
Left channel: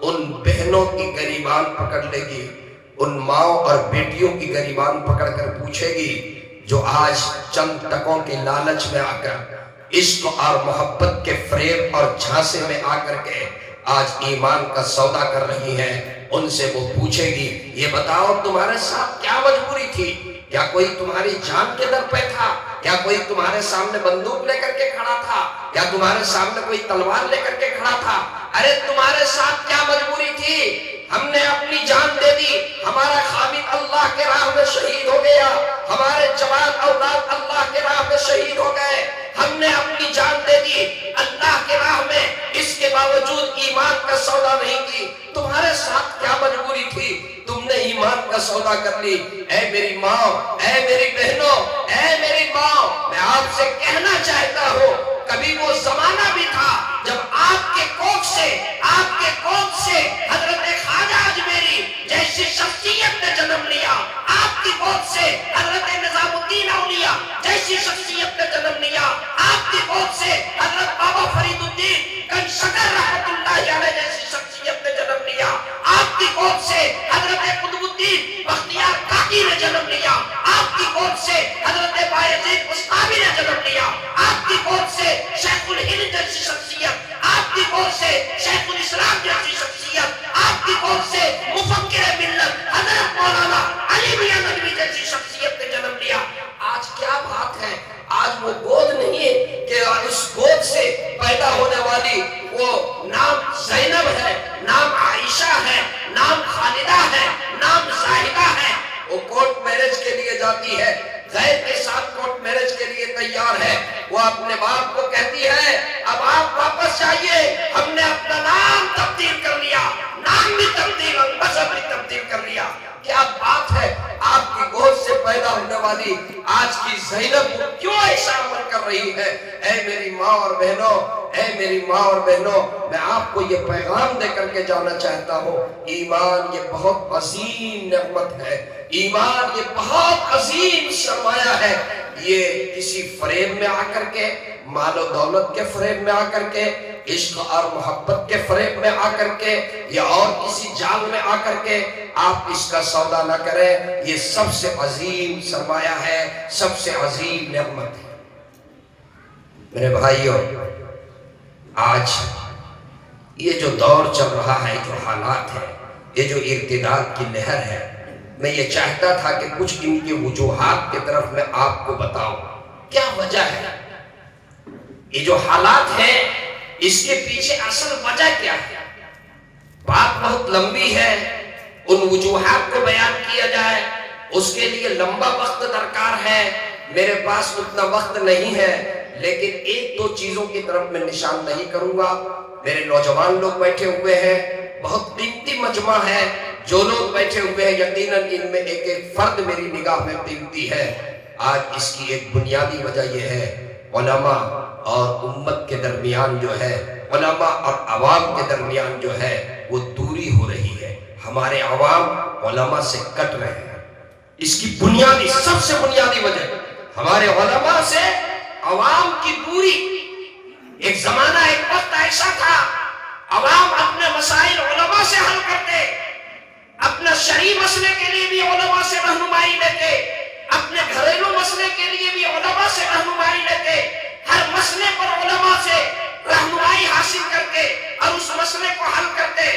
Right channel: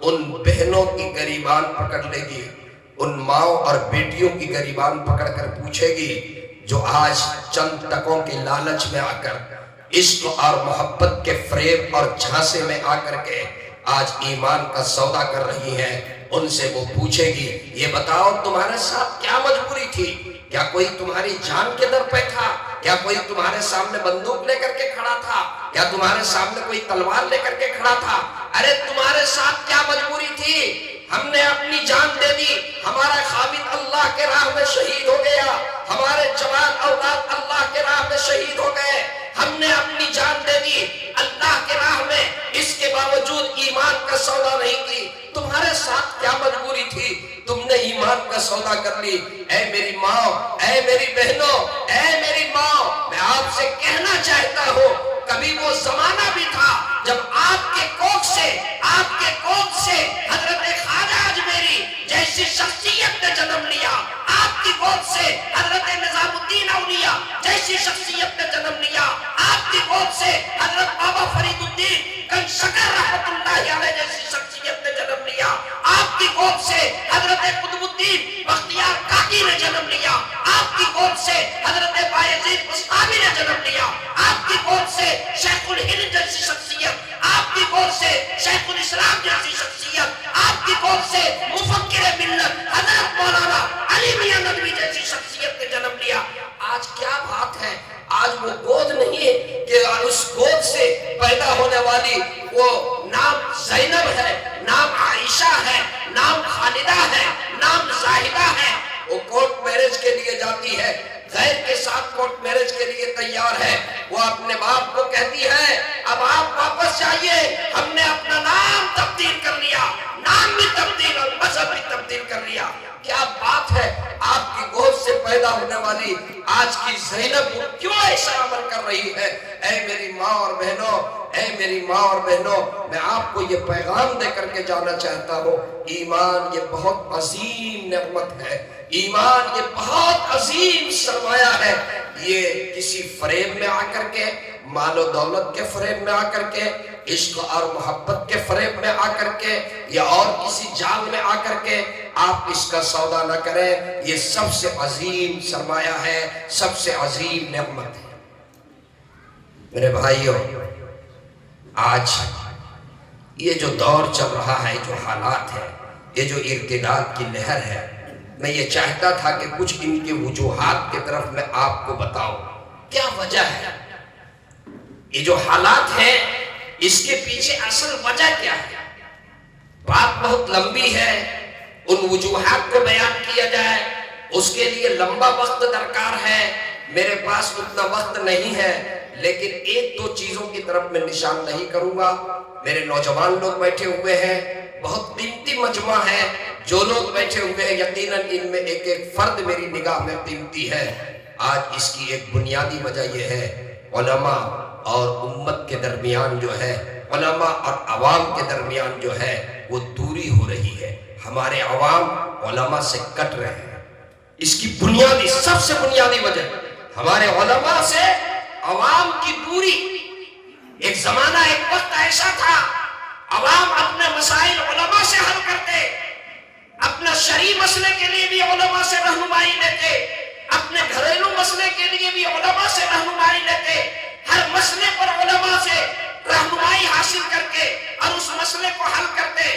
ان بہنوں کی گریبان پکڑ لے گی، ان ماؤں اور بیٹیوں کی گریبان پکڑ کر پوچھے گی جو آج چند ٹکوں کے لالچ میں آ کر، عشق اور محبت کے فریب اور جھانسے میں آ کر کے آج ایمان کا سودا کر رہی ہیں، ان سے وہ پوچھے گی یہ بتاؤ تمہارے ساتھ کیا مجبوری تھی؟ کیا کوئی تمہاری جان کے در پہ تھا؟ کیا کوئی تمہارے سامنے بندوق لے کر کے کھڑا تھا؟ کیا تمہارے سامنے کوئی تلوار لے کر کے کھڑا تھا؟ ارے تمہارے ساتھ کیا مجبوری تھی؟ ہم نے اپنی جان دے دی، ہمارا خامد اللہ کے راہ میں شہید ہو گیا، ہمارے جوان اولاد اللہ کے راہ میں شہید ہو گئے، ہم نے اپنی جان دے دی اللہ کے راہ میں، اس کے باوجود ایمان کا سودا نہیں کی۔ تمہارے ساتھ کیا مجبوری تھی؟ تم نے ایمان کا سودا کر لی۔ اے میری ماں، اے میری بہنوں، اے میری ماں، میں آپ سے کہنا چاہتا ہوں کبھی وہ زمانہ بھی تھا جب آپ کے کوکھ سے حضرت خواجہ اجمیری جیسی شخصیت نے جنم لیا، آپ کی گود سے حضرت نظام الدین اولیاء جیسی شخصیت نے جنم لیا، آپ کی گود سے حضرت بابا فرید الدین کنشکر رحمت اللہ علیہ جیسی شخصیت نے جنم لیا، آپ کی گود سے حضرت قطب الدین بختیار کاکی نے جنم لیا، آپ کی گود سے حضرت بایزید بستامی نے جنم لیا، آپ کی گود سے شیخ الہند جیسی شخصیت، آپ کی گود سے شیخ الاسلام جیسی شخصیت، آپ کی گود سے مفکر ملت حضرت مولانا علی میاں ندوی جیسی شخصیت نے جنم لیا۔ آج کیا بات ہے؟ آج وہ گود نہیں ہے کہ اس گود سے پیدا ہونے والی وہ نام زینب ہے، نام عائشہ ہے، نام خالدہ ہے، نام زاہدہ ہے۔ وہ کورٹ میرج کے لیے جاتی ہے، غیر کے ساتھ کورٹ میرج کے لیے تیار ہے، وہ اپنے باپ کو کہتی ہے اب آپ واپس جائیے، ہم نے اپنا نام تبدیل کر لیا، نام بھی تبدیل اور مذہب بھی تبدیل کر لیا۔ کیا بات ہے؟ آپ کی گود سے پیدا ہونے والی آج کی زینب کیوں ایسا عمل کر رہی ہے؟ اے میری ماں اور بہنوں، اے میری ماں اور بہنوں، میں آپ کو یہ پیغام دے کر کے جانا چاہتا ہوں، ایمان یہ بہت عظیم نعمت ہے، ایمان یہ بہت عظیم سرمایہ ہے۔ یہ کسی فریب میں آ کر کے، مال و دولت کے فریب میں آ کر کے، عشق اور محبت کے فریب میں آ کر کے، یا اور کسی جال میں آ کر کے آپ اس کا سودا نہ کریں۔ یہ سب سے عظیم سرمایہ ہے، سب سے عظیم نعمت ہے۔ میرے بھائیوں، آج یہ جو دور چل رہا ہے، جو حالات ہے، یہ جو ارتداد کی لہر ہے، میں یہ چاہتا تھا کہ کچھ ان کی وجوہات کی طرف میں آپ کو بتاؤں کیا وجہ ہے، یہ جو حالات ہیں اس کے پیچھے اصل وجہ کیا ہے۔ بات بہت لمبی ہے، ان وجوہات کو بیان کیا جائے اس کے لیے لمبا وقت درکار ہے، میرے پاس اتنا وقت نہیں ہے، لیکن ایک دو چیزوں کی طرف میں نشان نہیں کروں گا۔ میرے نوجوان لوگ بیٹھے ہوئے ہیں، بہت قیمتی مجمع ہے، جو لوگ بیٹھے ہوئے ہیں یقیناً ان میں ایک ایک فرد میری نگاہ میں قیمتی ہے۔ آج اس کی ایک بنیادی وجہ یہ ہے، علماء اور امت کے درمیان جو ہے، علماء اور عوام کے درمیان جو ہے وہ دوری ہو رہی ہے، ہمارے عوام علماء سے کٹ رہے ہیں۔ اس کی بنیادی، سب سے بنیادی وجہ ہمارے علماء سے عوام کی دوری۔ ایک زمانہ، ایک وقت ایسا تھا عوام اپنے مسائل علماء سے حل کرتے، اپنا شرعی مسئلے کے لیے بھی علماء سے رہنمائی لیتے، اپنے گھریلو مسئلے کے لیے بھی علماء سے رہنمائی لیتے، ہر مسئلے پر علماء سے رہنمائی حاصل کر کے اور اس مسئلے کو حل کرتے۔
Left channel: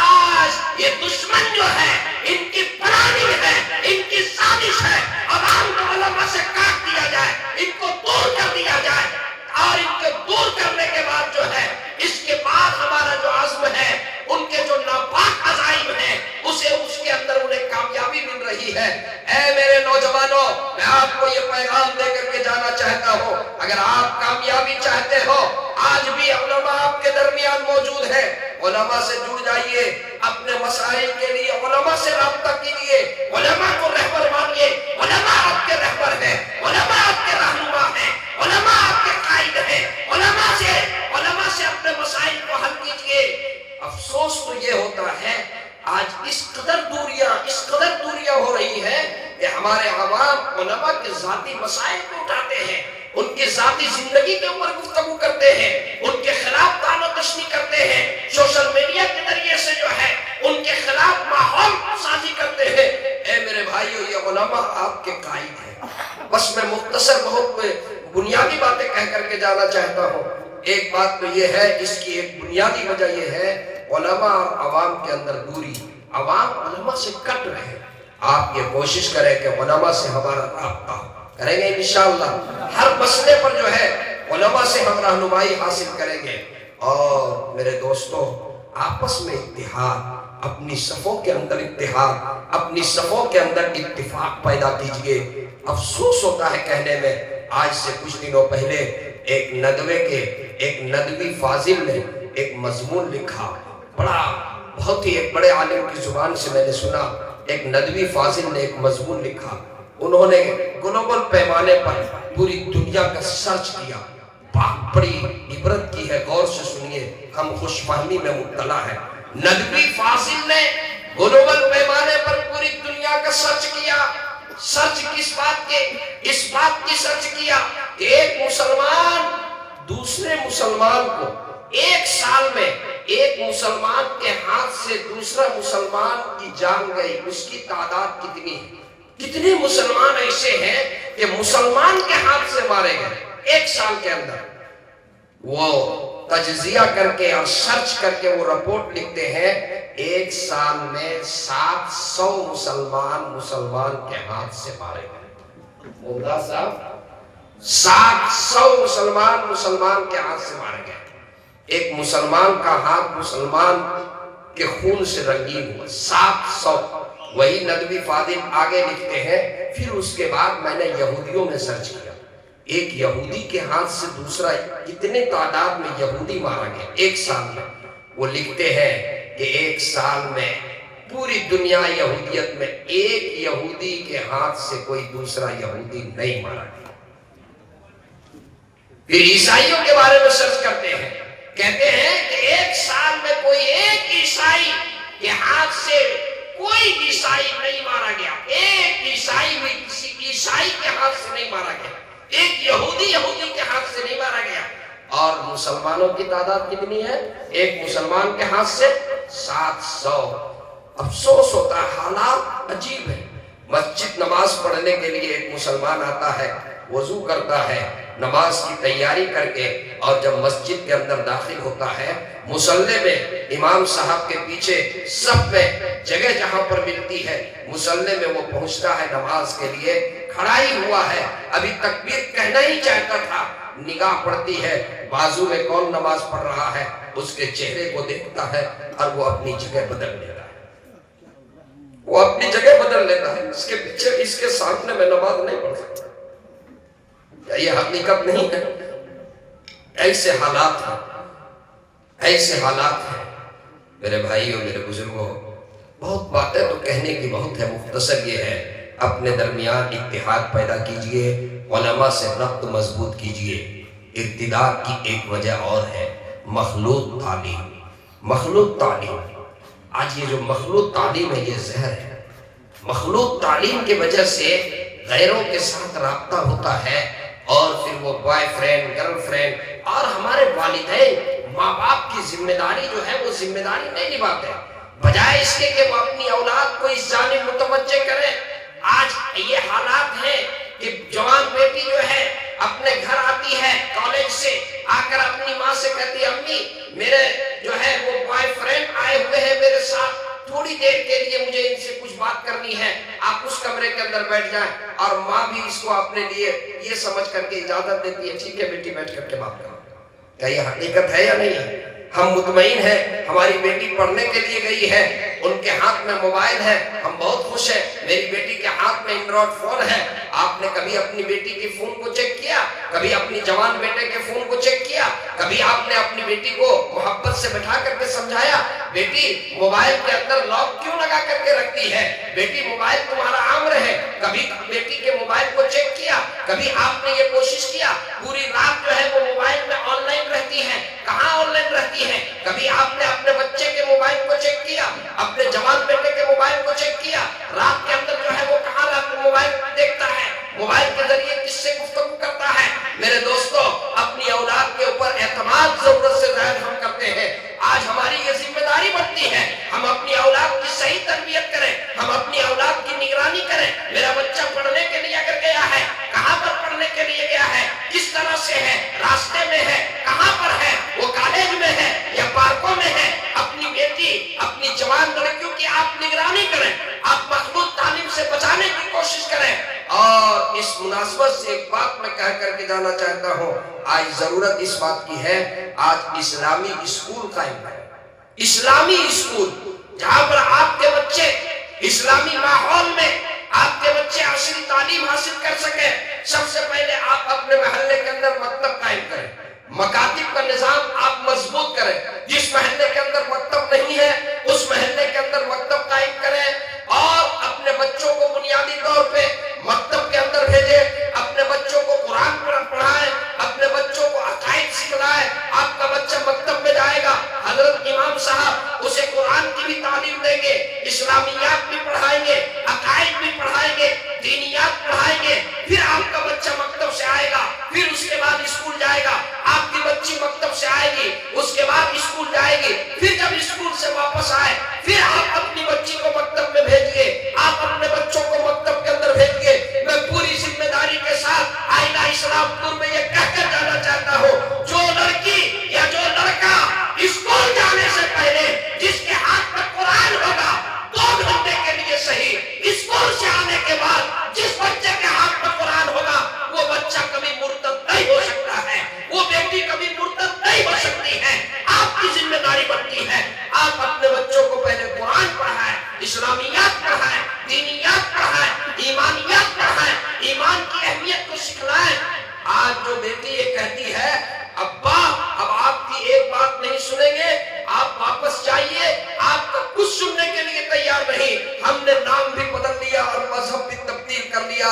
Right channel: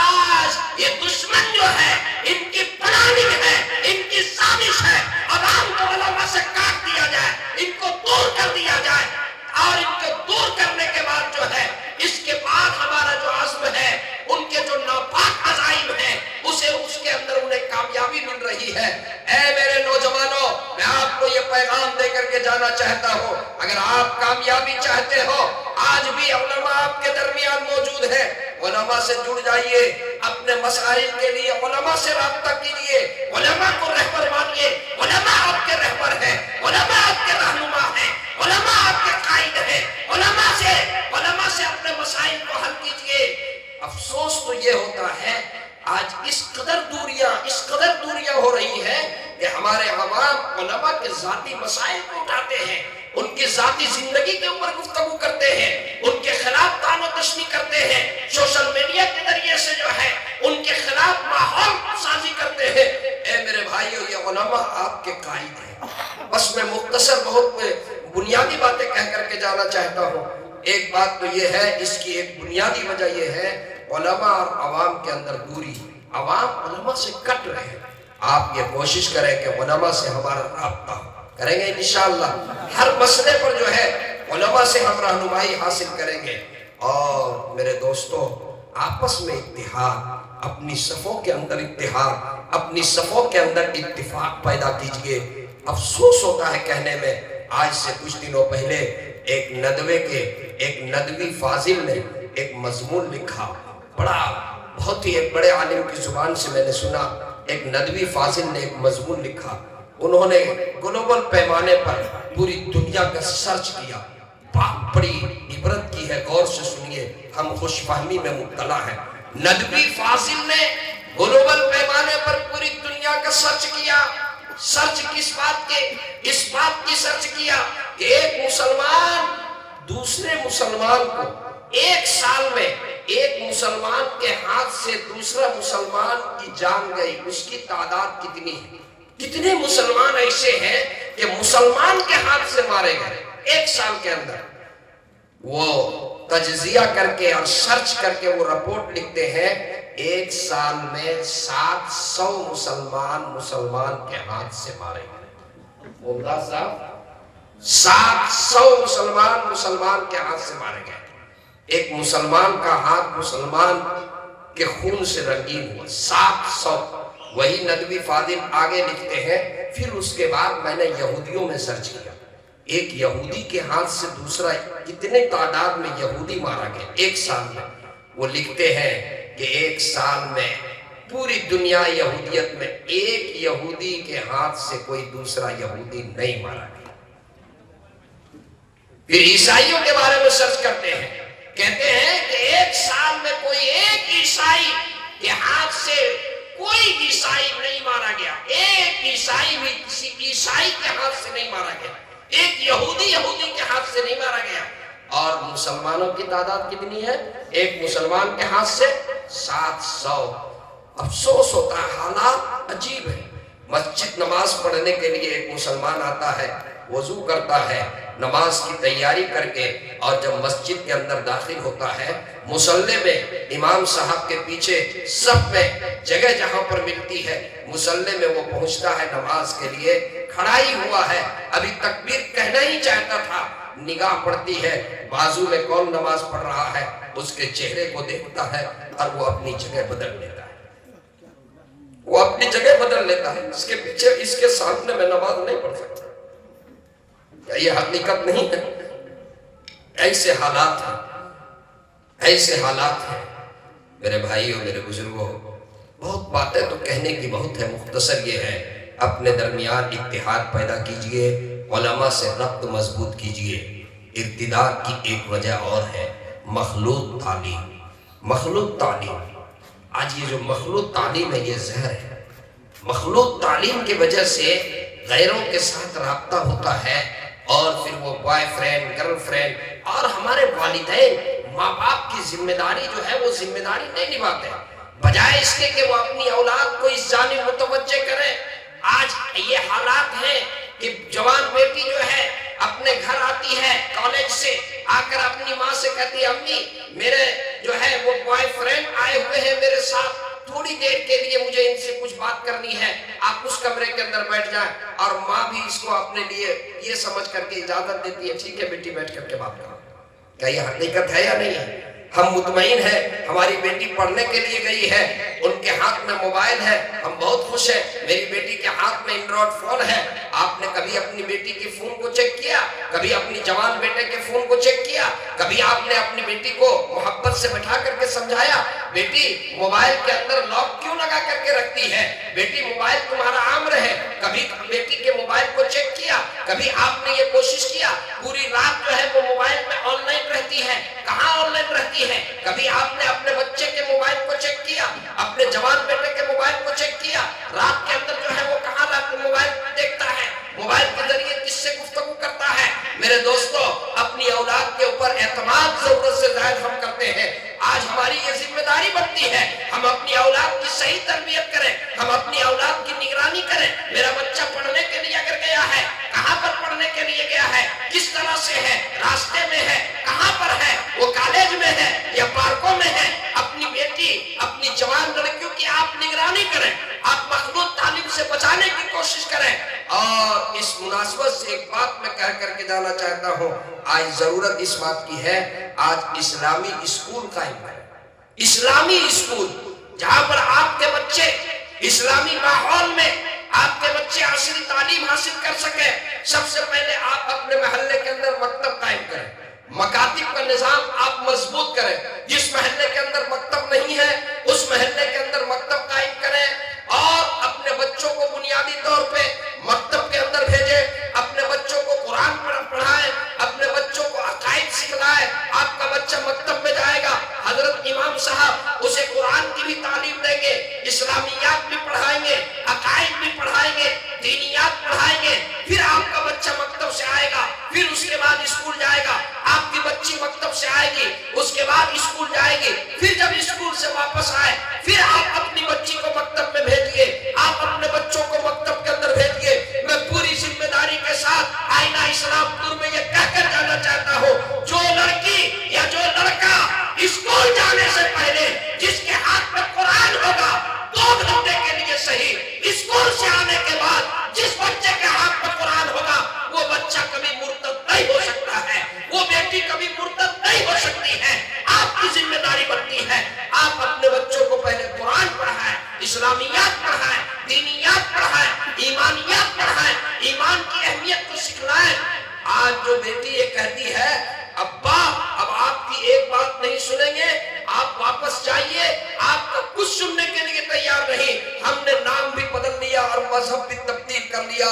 آج یہ دشمن جو ہے، ان کی پلاننگ ہے، ان کی سازش ہے، عوام کو علماء سے کاٹ دیا جائے، ان کو دور کر دیا جائے، اور ان کو دور کرنے کے بعد جو ہے، اس کے بعد ہمارا جو عزم ہے، ان کے جو ناپاک عزائم ہیں، اس کے اندر انہیں کامیابی مل رہی ہے۔ اے میرے نوجوانوں، میں آپ کو یہ پیغام دے کر کے جانا چاہتا ہوں، اگر آپ کامیابی چاہتے ہو، آج بھی علماء آپ کے درمیان موجود ہیں، علماء سے جڑ جائیے، اپنے مسائل کے لیے علماء سے رابطہ کیجیے، علماء کو رہبر مانیے، علماء آپ کے رہبر ہیں، علماء آپ کے رہنما ہیں، علماء آپ کے قائد ہیں، علماء سے اپنے مسائل کو حل کیجیے۔ افسوس تو یہ ہوتا ہے آج اس قدر دوریاں ہو رہی ہیں کہ ہمارے عوام علماء کی ذاتی زندگی کے اوپر گفتگو کرتے ہیں، ان کے خلاف طعن و تشنیع کرتے ہیں، سوشل میڈیا کے ذریعے سے جو ہے ان کے خلاف ماحول سازی کرتے ہیں۔ اے میرے بھائیو، یہ علماء آپ کے قائد ہیں۔ بس میں مختصر بہت بنیادی باتیں کہہ کر کے جانا چاہتا ہوں۔ ایک بات تو یہ ہے، اس کی ایک بنیادی وجہ یہ ہے، علماء اور عوام کے اندر دوری۔ عوام علماء سے کٹ رہے، آپ یہ کوشش کریں کہ علماء سے ہمارا رابطہ کریں گے انشاءاللہ۔ ہر مسئلے پر جو ہے علماء سے ہم رہنمائی حاصل کریں گے۔ اور میرے دوستو، آپس میں اتحاد، اپنی صفوں کے اندر اتحاد، اپنی صفوں کے اندر اتفاق پیدا کیجئے۔ افسوس ہوتا ہے کہنے میں، آج سے کچھ دنوں پہلے ایک ندوی فاضل نے ایک مضمون لکھا، بہت ہی ایک بڑے عالم کی زبان سے میں نے سنا۔ ایک ندوی فاضل نے ایک مضمون لکھا، انہوں نے گلوبل پیمانے پر پوری دنیا کا سرچ کیا، بڑی عبرت کی ہے، غور سے سنیے، ہم خوش فہمی میں مبتلا ہیں۔ ندوی فاضل نے گلوبل پیمانے پر پوری دنیا کا سرچ کیا۔ سرچ کس بات کے؟ اس بات کی سرچ کیا کہ ایک مسلمان دوسرے مسلمان کو ایک سال میں ایک مسلمان کے ہاتھ سے دوسرا مسلمان کی جان گئی، اس کی تعداد کتنی ہے؟ کتنے مسلمان ایسے ہیں کہ مسلمان کے ہاتھ سے مارے گئے ایک سال کے اندر؟ وہ تجزیہ کر کے اور سرچ کر کے وہ رپورٹ لکھتے ہیں، ایک سال میں 700 مسلمان کے ہاتھ سے مارے گئے۔ ممداد صاحب، 700 مسلمان کے ہاتھ سے مارے گئے۔ ایک مسلمان کا ہاتھ مسلمان کے خون سے رنگین ہوا، 700۔ وہی ندوی فاضل آگے لکھتے ہیں، پھر اس کے بعد میں نے یہودیوں میں سرچ کیا، ایک یہودی کے ہاتھ سے دوسرا کتنے تعداد میں یہودی مارا گیا ایک سال میں۔ وہ لکھتے ہیں کہ ایک سال میں پوری دنیا یہودیت میں ایک یہودی کے ہاتھ سے کوئی دوسرا یہودی نہیں مارا گیا۔ پھر عیسائیوں کے بارے میں سرچ کرتے ہیں، کہتے ہیں کہ ایک سال میں کوئی ایک عیسائی کے ہاتھ سے کوئی عیسائی نہیں مارا گیا، ایک عیسائی بھی کسی عیسائی کے ہاتھ سے نہیں مارا گیا، ایک یہودی کے ہاتھ سے نہیں مارا گیا۔ اور مسلمانوں کی تعداد کتنی ہے؟ ایک مسلمان کے ہاتھ سے 700۔ افسوس ہوتا ہے، حالات عجیب ہے۔ مسجد نماز پڑھنے کے لیے ایک مسلمان آتا ہے، وضو کرتا ہے، نماز کی تیاری کر کے، اور جب مسجد کے اندر داخل ہوتا ہے، مصلی میں امام صاحب کے پیچھے صف میں جگہ جہاں پر ملتی ہے، مصلی میں وہ پہنچتا ہے نماز کے لیے، کھڑا ہی ہوا ہے، ابھی تکبیر کہنا ہی چاہتا تھا، نگاہ پڑتی ہے بازو میں کون نماز پڑھ رہا ہے، اس کے چہرے کو دیکھتا ہے اور وہ اپنی جگہ بدل لیتا ہے، وہ اپنی جگہ بدل لیتا ہے، اس کے پیچھے اس کے سامنے میں نماز نہیں پڑھ سکتا۔ کیا یہ حقیقت نہیں ہے؟ ایسے حالات ہیں، ایسے حالات ہیں میرے بھائیوں، میرے بزرگوں۔ بہت باتیں تو کہنے کی بہت ہے، مختصر یہ ہے، اپنے درمیان اتحاد پیدا کیجئے، علماء سے ربط مضبوط کیجئے۔ ارتداد کی ایک وجہ اور ہے، مخلوط تعلیم۔ مخلوط تعلیم، آج یہ جو مخلوط تعلیم ہے یہ زہر ہے۔ مخلوط تعلیم کی وجہ سے غیروں کے ساتھ رابطہ ہوتا ہے، اور پھر وہ بوائے فرینڈ، گرل فرینڈ، اور ہمارے والدین ماں باپ کی ذمہ داری جو ہے وہ ذمہ داری نہیں نبھاتے، بجائے اس کے کہ وہ اپنی اولاد کو اس جانب متوجہ کریں۔ آج یہ حالات ہیں کہ جوان بیٹی جو ہے اپنے گھر آتی ہے کالج سے، آ کر اپنی ماں سے کہتی ہے، امی میرے جو ہے وہ بوائے فرینڈ آئے ہوئے ہیں میرے ساتھ، تھوڑی دیر کے لیے مجھے ان سے کچھ بات کرنی ہے، آپ اس کمرے کے اندر بیٹھ جائیں۔ اور ماں بھی اس کو اپنے لیے یہ سمجھ کر کے اجازت دیتی ہے، ٹھیک ہے بیٹی بیٹھ کر کے بات کرو۔ کیا یہ حقیقت ہے یا نہیں ہے؟ ہم مطمئن ہیں، ہماری بیٹی پڑھنے کے لیے گئی ہے، ان کے ہاتھ میں موبائل ہے، ہم بہت خوش ہیں، میری بیٹی کے ہاتھ میں اینڈرائیڈ فون ہے۔ آپ نے کبھی اپنی بیٹی کے فون کو چیک کیا؟ کبھی اپنی جوان بیٹے کے فون کو چیک کیا؟ کبھی آپ نے اپنی بیٹی کو محبت سے بٹھا کر کے سمجھایا، بیٹی موبائل کے اندر لاک کیوں لگا کر کے رکھتی ہے؟ بیٹی موبائل تمہارا امر ہے۔ کبھی بیٹی کے موبائل کو چیک کیا؟ کبھی آپ نے یہ کوشش کیا؟ پوری رات جو ہے وہ موبائل میں آن لائن رہتی ہے، کہاں آن لائن رہتی ہے؟ کبھی آپ نے اپنے بچے کے موبائل کو چیک کیا؟ اپنے جوان بیٹے کے موبائل کو چیک کیا؟ رات کے اندر جو ہے وہ کہاں رات موبائل دیکھتا ہے، موبائل کے ذریعے کس سے گفتگو کرتا ہے؟ میرے دوست بس ایک بات میں کہہ کر کے جانا چاہتا ہوں، آج ضرورت اس بات کی ہے، آج اسلامی اسکول قائم کریں، اسلامی اسکول جہاں پر آپ کے بچے اسلامی ماحول میں آپ کے بچے عصری تعلیم حاصل کر سکیں۔ سب سے پہلے آپ اپنے محلے کے اندر مکتب قائم کریں، مکاتب کا نظام آپ مضبوط کریں۔ جس محلے کے اندر مکتب نہیں ہے اس محلے کے اندر مکتب قائم کریں، اور اپنے بچوں کو بنیادی طور پہ مکتب کے اندر بھیجیں، اپنے بچوں کو قرآن پڑھائیں، اپنے بچوں کو عقائد سکھلائیں۔ آپ کا بچہ مکتب میں جائے گا، حضرت امام صاحب اسے قرآن کی بھی تعلیم دیں گے، اسلامیات بھی پڑھائیں گے، عقائد بھی پڑھائیں گے، دینیات پڑھائیں گے۔ پھر آپ کا بچہ مکتب سے آئے گا، پھر اس کے بعد اسکول جائے گا، آپ کی بچی مکتب سے آئے گی، اس کے بعد اسکول جائے گی، پھر جب اسکول سے واپس آئے پھر آپ اپنی بچی کو مکتب میں بھیجیے، آپ اپنے بچوں کو مکتب کے اندر بھیجیے۔ میں پوری ذمہ داری کے ساتھ آئینہ اسلام پور میں یہ کہہ کر جانا چاہتا ہوں، جو لڑکی یا جو لڑکا اسکول جانے سے پہلے جس کے ہاتھ میں قرآن ہوگا 2 گھنٹے کے لیے صحیح، اسکول سے آنے کے بعد جس بچے کے ہاتھ میں قرآن ہوگا وہ بچہ کبھی مرتد نہیں ہو سکتا ہے، وہ بیٹی کبھی مرتد نہیں ہو سکتی ہے۔ آپ کی ذمہ داری بنتی ہے آپ اپنے بچوں کو پہلے قرآن پڑھائیں، اسلامیات پڑھائیں، دینیات پڑھائیں، ایمانیات پڑھائیں، ایمان کی اہمیت کو سکھلائیں۔ آج جو بیٹی یہ کہتی ہے ابا اب آپ کی ایک بات نہیں سنیں گے، آپ واپس جائیے، آپ کا کچھ سننے کے لیے تیار نہیں، ہم نے نام بھی بدل لیا اور مذہب بھی تبدیل کر لیا۔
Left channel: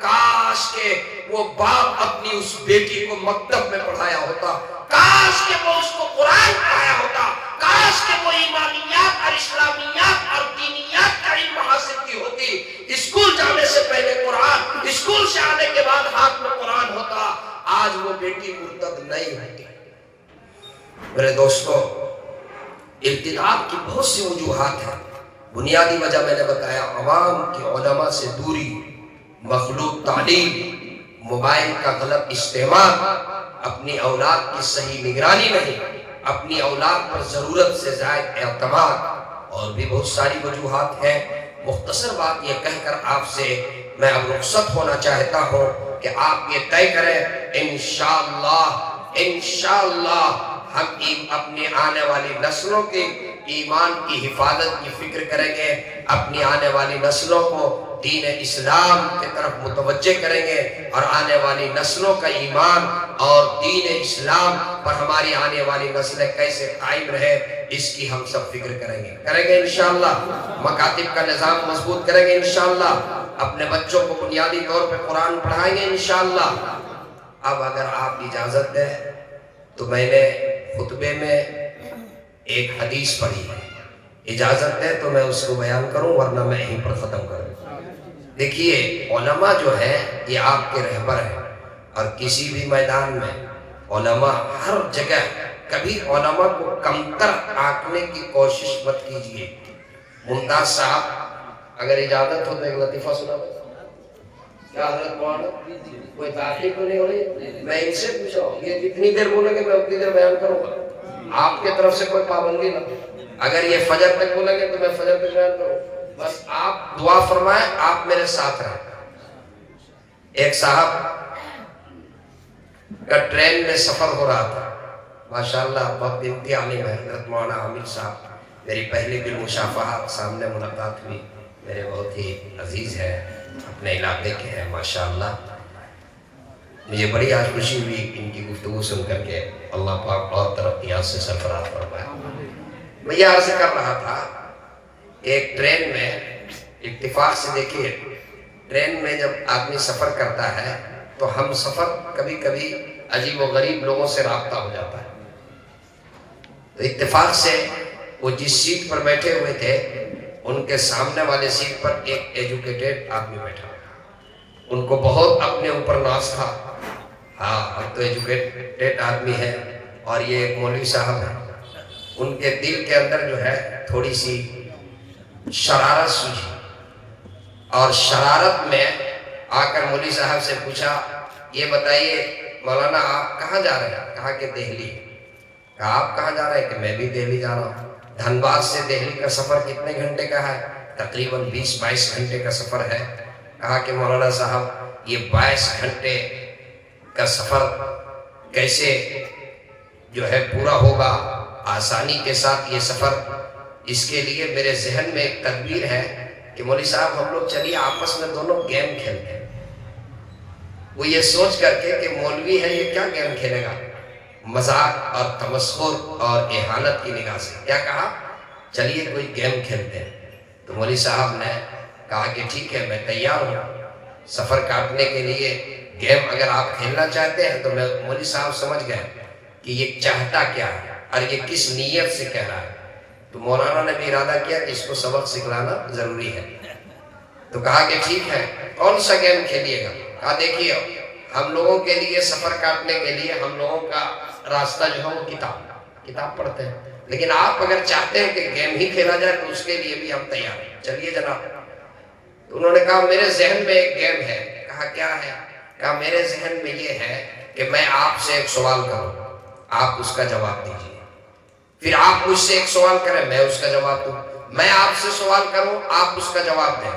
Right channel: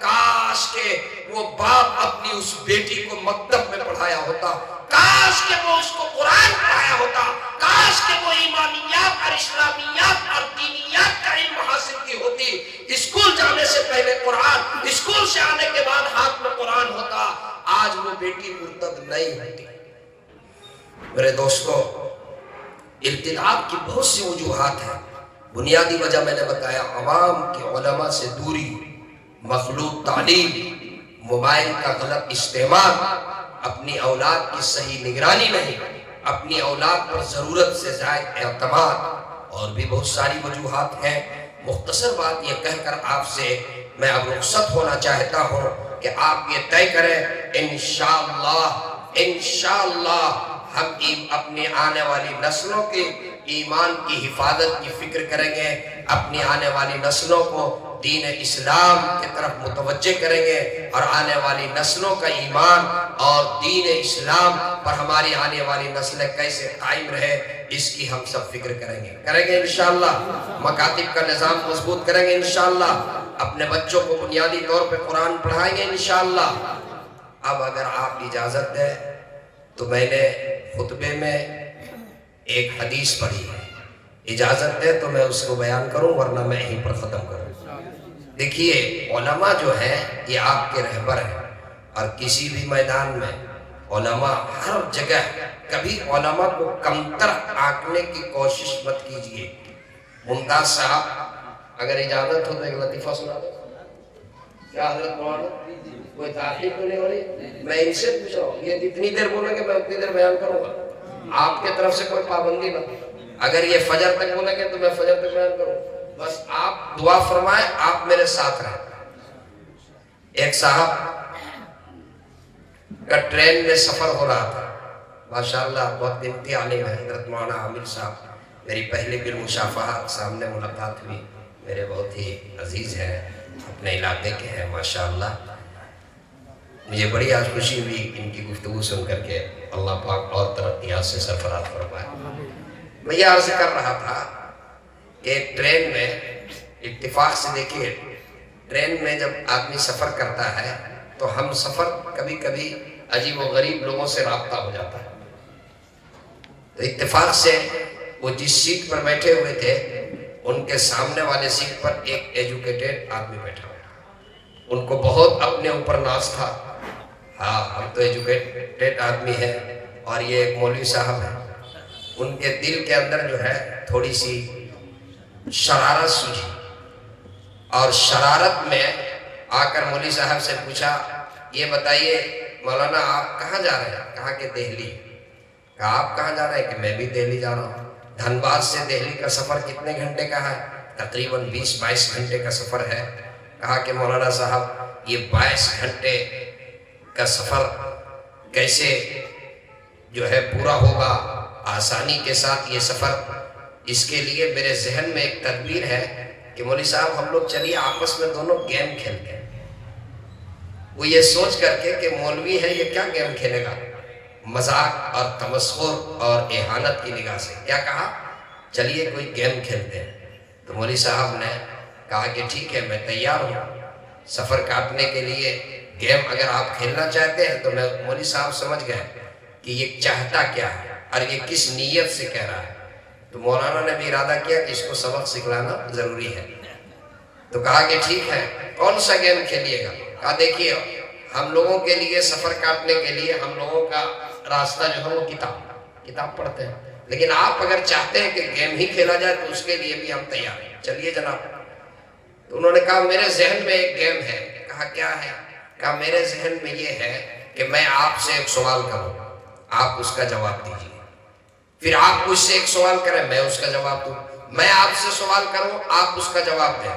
کاش کہ وہ باپ اپنی اس بیٹی کو مکتب میں پڑھایا ہوتا، کاش کہ وہ اس کو قرآن پڑھایا ہوتا، کاش کہ وہ ایمانیات اور اسلامیات اور دینیات کا علم حاصل کی ہوتی۔ اسکول جانے سے پہلے قرآن، اسکول سے آنے کے بعد ہاتھ میں قرآن ہوتا، آج وہ بیٹی مرتد نہیں ہوتی۔ میرے دوستو، ارتداد کی بہت سی وجوہات ہیں۔ بنیادی وجہ میں نے بتایا، عوام کی علماء سے دوری، مخلوط تعلیم، موبائل کا غلط استعمال، اپنی اولاد کی صحیح نگرانی نہیں، اپنی اولاد پر ضرورت سے زائد اعتماد، اور بھی بہت ساری وجوہات ہیں۔ مختصر بات یہ کہہ کر آپ سے میں اب رخصت ہونا چاہتا ہوں کہ آپ یہ طے کریں، انشاءاللہ ہم اپنی آنے والی نسلوں کے ایمان کی حفاظت کی فکر کریں گے، اپنی آنے والی نسلوں کو دین اسلام کی طرف متوجہ کریں گے، اور آنے والی نسلوں کا ایمان اور دین اسلام پر ہماری آنے والی نسلیں کیسے قائم رہے اس کی ہم سب فکر کریں گے انشاءاللہ۔ مکاتب کا نظام مضبوط کریں گے انشاءاللہ، اپنے بچوں کو بنیادی طور پہ قرآن پڑھائیں گے انشاءاللہ۔ اب اگر آپ اجازت دیں تو میں نے خطبے میں ایک حدیث پڑھی ہے، اجازت دیں تو میں اس کو بیان کروں ورنہ میں یہیں پر ختم کروں۔ دیکھیے، علماء جو ہیں یہ آپ کے رہبر ہیں، اور کسی بھی میدان میں علماء ہر جگہ، کبھی علماء کو کمتر آنکنے کی کوشش مت کیجیے۔ ممتاز صاحب اگر اجازت ہو تو ایک لطیفہ سنا دو۔ کیا حضرت مولانا کوئی تاخیر تو نہیں ہو رہی؟ میں ان سے پوچھا ہوں، یہ جتنی دیر بولیں گے میں اتنی دیر بیان کروں گا، آپ کے طرف سے کوئی پابندی نہ۔ اگر یہ فجر تک بولیں گے تو میں فجر تک بیان کروں، بس آپ دعا فرمائیں، آپ میرے ساتھ رہیں۔ ایک صاحب کا ٹرین میں سفر ہو رہا تھا، ماشاءاللہ بہت امتحانی ہے، حضرت مولانا عامر صاحب میری پہلی بھی مشافہہ سامنے ملاقات ہوئی، میرے بہت ہی عزیز ہے، اپنے علاقے کے ہیں ماشاءاللہ۔ مجھے بڑی آج خوشی ہوئی ان کی گفتگو سن کر کے، اللہ پاک اور ترقیات سے سرفراز فرمائے۔ میں یہ عرض کر رہا تھا، ایک ٹرین میں اتفاق سے دیکھیے، ٹرین میں جب آدمی سفر کرتا ہے تو ہم سفر کبھی کبھی عجیب و غریب لوگوں سے رابطہ ہو جاتا ہے۔ تو اتفاق سے وہ جس سیٹ پر بیٹھے ہوئے تھے ان کے سامنے والے سیٹ پر ایک ایجوکیٹڈ آدمی بیٹھا ہوا، ان کو بہت اپنے اوپر ناز تھا، ہاں ہم تو ایجوکیٹڈ آدمی ہیں اور یہ ایک مولوی صاحب ہیں۔ ان کے دل کے اندر جو ہے تھوڑی سی شرارت سوجھی، اور شرارت میں آ کر مولوی صاحب سے پوچھا، یہ بتائیے مولانا آپ کہاں جا رہے ہیں؟ کہا کہ دہلی۔ کہا آپ کہاں جا رہے ہیں؟ کہ میں بھی دہلی جا رہا ہوں۔ دھنباد سے دہلی کا سفر کتنے گھنٹے کا ہے؟ تقریباً 20-22 گھنٹے کا سفر ہے۔ کہا کہ مولانا صاحب یہ 22 گھنٹے کا سفر کیسے جو ہے پورا ہوگا آسانی کے ساتھ یہ سفر؟ اس کے لیے میرے ذہن میں ایک تدبیر ہے کہ مولوی صاحب ہم لوگ چلیے آپس میں دونوں گیم کھیلتے ہیں۔ وہ یہ سوچ کر کے کہ مولوی ہے یہ کیا گیم کھیلے گا، مذاق اور تمسخر اور اہانت کی نگاہ سے، کیا کہا چلیے کوئی گیم کھیلتے ہیں۔ تو مولوی صاحب نے کہا کہ ٹھیک ہے میں تیار ہوں سفر کاٹنے کے لیے، گیم اگر آپ کھیلنا چاہتے ہیں۔ تو میں مولوی صاحب سمجھ گئے کہ یہ چاہتا کیا ہے اور یہ کس نیت سے کہہ رہا ہے۔ تو مولانا نے بھی ارادہ کیا کہ اس کو سبق سکھلانا ضروری ہے۔ تو کہا کہ ٹھیک ہے کون سا گیم کھیلیے گا؟ کہا دیکھیے ہم لوگوں کے لیے سفر کاٹنے کے لیے ہم لوگوں کا راستہ جو ہے وہ کتاب پڑھتے ہیں، لیکن آپ اگر چاہتے ہیں کہ گیم ہی کھیلا جائے تو اس کے لیے بھی ہم تیار ہیں، چلیے جناب۔ تو انہوں نے کہا میرے ذہن میں ایک گیم ہے۔ کہا کیا ہے؟ کہا میرے ذہن میں یہ ہے کہ میں آپ سے ایک سوال کروں، آپ اس کا جواب دیجیے، پھر آپ مجھ سے ایک سوال کریں میں اس کا جواب دوں، میں آپ سے سوال کروں آپ اس کا جواب دیں۔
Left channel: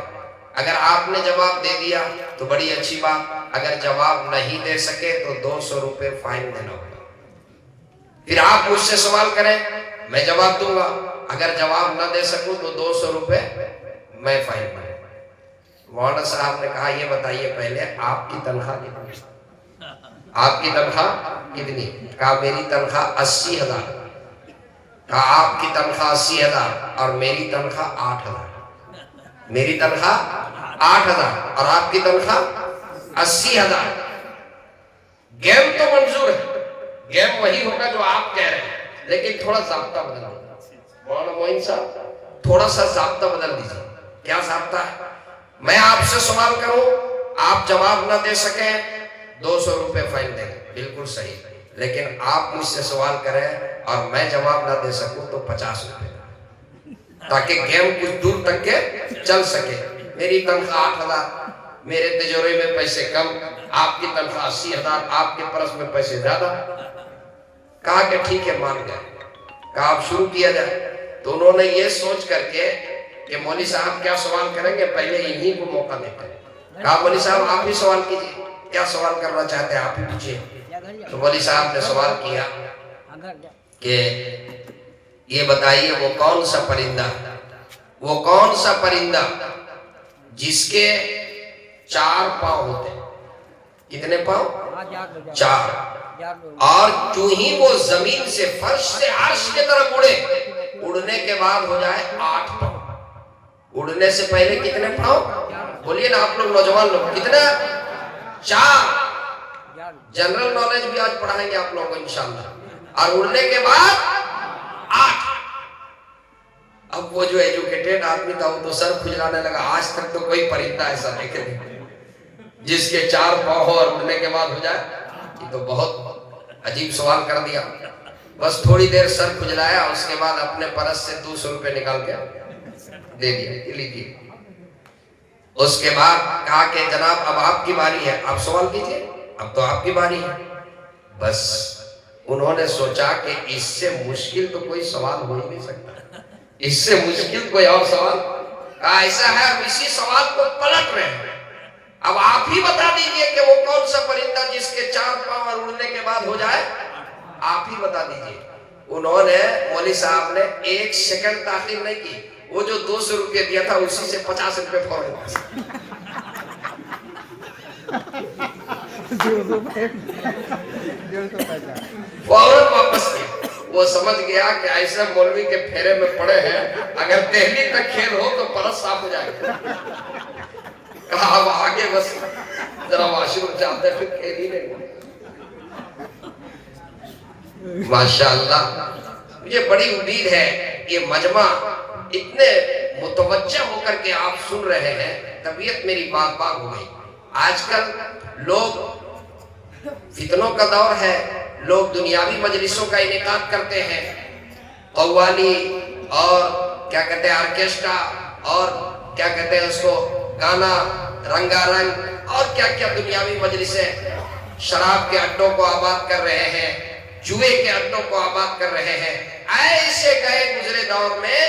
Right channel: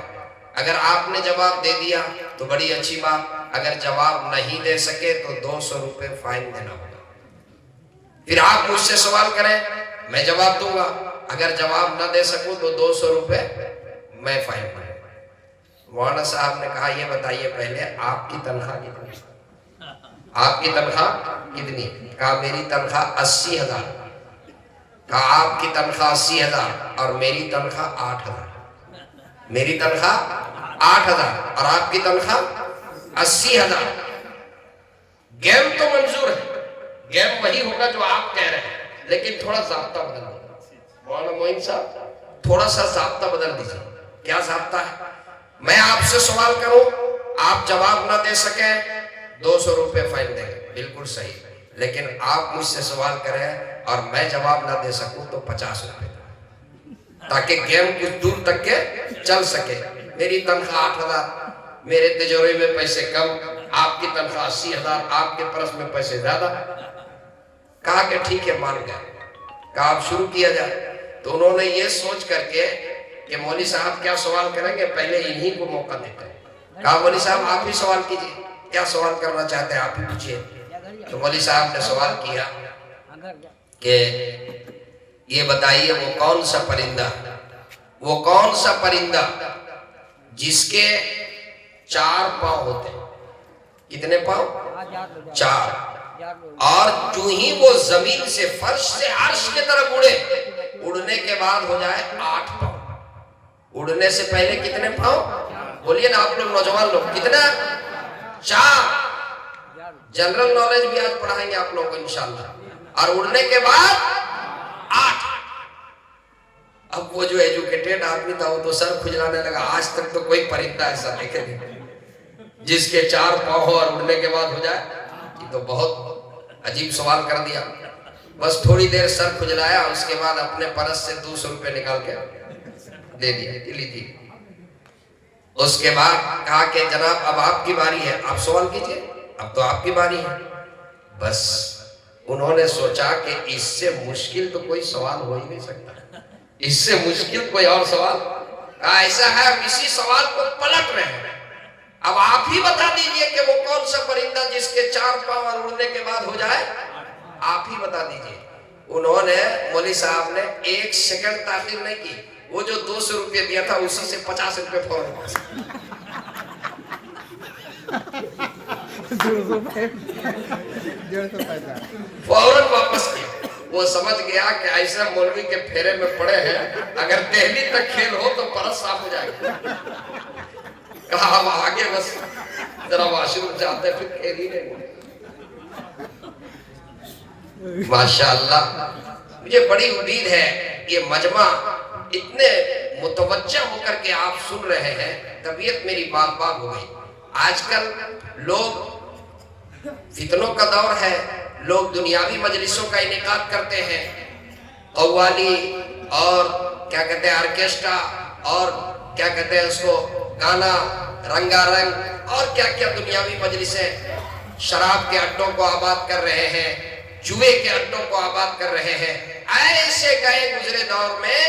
اگر آپ نے جواب دے دیا تو بڑی اچھی بات، اگر جواب نہیں دے سکے تو 200 روپے فائن دینا ہوگا۔ پھر آپ مجھ سے سوال کریں میں جواب دوں گا، اگر جواب نہ دے سکوں تو 200 روپے میں فائن دوں گا۔ مولانا صاحب نے کہا یہ بتائیے پہلے آپ کی تنخواہ کتنی؟ آپ کی تنخواہ کتنی؟ کہا میری تنخواہ 80,000۔ کہا آپ کی تنخواہ 80,000 اور میری تنخواہ 8,000۔ میری تنخواہ 8,000 اور آپ کی تنخواہ 80,000۔ گیم تو منظور ہے، گیم وہی ہوگا جو آپ کہہ رہے ہیں، لیکن تھوڑا ضابطہ بدل دیجیے۔ مولانا معین صاحب تھوڑا سا ضابطہ بدل دیجیے۔ کیا ضابطہ ہے؟ میں آپ سے سوال کروں آپ جواب نہ دے سکیں 200 روپے فائن دیں گے، بالکل صحیح، لیکن آپ مجھ سے سوال کریں اور میں جواب نہ دے سکوں تو 50 روپے، تاکہ گیم کچھ دور تک کے چل سکے۔ میری تنخواہ 8,000، میرے تجربے میں پیسے کم، آپ کی تنخواہ 80,000، آپ کے پرس میں پیسے زیادہ۔ کہا کہ ٹھیک ہے مان گئے۔ کہا اب شروع کیا جائے۔ تو انہوں نے یہ سوچ کر کے کہ مولوی صاحب کیا سوال کریں گے پہلے انہی کو موقع دیتے ہیں۔ کہا مولوی صاحب آپ بھی سوال کیجئے، کیا سوال کرنا چاہتے ہیں آپ ہی پوچھئے۔ تو مولوی صاحب نے سوال کیا کہ یہ بتائیے وہ کون سا پرندہ، وہ کون سا پرندہ جس کے 4 پاؤں ہوتے ہیں؟ کتنے پاؤں؟ 4۔ اور جو ہی وہ زمین سے فرش سے عرش کی طرف اڑے، اڑنے کے بعد ہو جائے 8 پاؤں۔ اڑنے سے پہلے کتنے پاؤں؟ بولیے نا آپ لوگ نوجوان لوگ، کتنا؟ 4۔ جنرل نالج بھی آج پڑھائیں گے آپ لوگوں کو انشاءاللہ۔ اور اڑنے کے بعد 8۔ اب وہ جو ایجوکیٹڈ آدمی تھا وہ تو سر کھجلانے لگا، آج تک تو کوئی پرندہ ایسا دیکھے نہیں جس کے 4 پاؤں ہو اور اڑنے کے بعد ہو جائے۔ یہ تو بہت عجیب سوال کر دیا۔ بس تھوڑی دیر سر کھجلایا، اس کے بعد اپنے پرس سے 200 روپے نکال کے دے دیا، لیجیے۔ اس کے بعد کہا کہ جناب اب آپ کی باری ہے، آپ سوال کیجئے، اب تو آپ کی باری ہے۔ بس انہوں نے سوچا کہ اس سے مشکل تو کوئی سوال ہو ہی نہیں سکتا، اس سے مشکل کوئی اور سوال ایسا ہے، اسی سوال کو پلٹ رہے ہیں۔ اب آپ ہی بتا دیجئے کہ وہ کون سا پرندہ جس کے 4 پاؤں اور اڑنے کے بعد ہو جائے، آپ ہی بتا دیجئے۔ انہوں نے مولوی صاحب نے 1 سیکنڈ تاخیر نہیں کی، وہ جو 200 روپے دیا تھا اسی سے 50 روپے فوراً واپس کیا۔ وہ سمجھ گیا کہ ایسے مولوی کے پھیرے میں پڑے ہیں، اگر دہلی تک کھیل ہو تو پرس صاف ہو جائے گا۔ کہا اب آگے بس ذرا واش روم جاتے پھر کھیل ہی نہیں۔ ماشاءاللہ مجھے بڑی امید ہے یہ مجمع اتنے متوجہ ہو کر کے آپ سن رہے ہیں، طبیعت میری باغ باغ ہو گئی۔ آج کل لوگ فتنوں کا دور ہے، لوگ دنیاوی مجلسوں کا انعقاد کرتے ہیں، قوالی اور کیا کہتے ہیں آرکیسٹرا اور کیا کہتے ہیں اس کو گانا رنگا رنگ اور کیا کیا دنیاوی مجلسیں، شراب کے اڈوں کو آباد کر رہے ہیں، جوئے کے اڈوں کو آباد کر رہے ہیں۔ ایسے گئے گزرے دور میں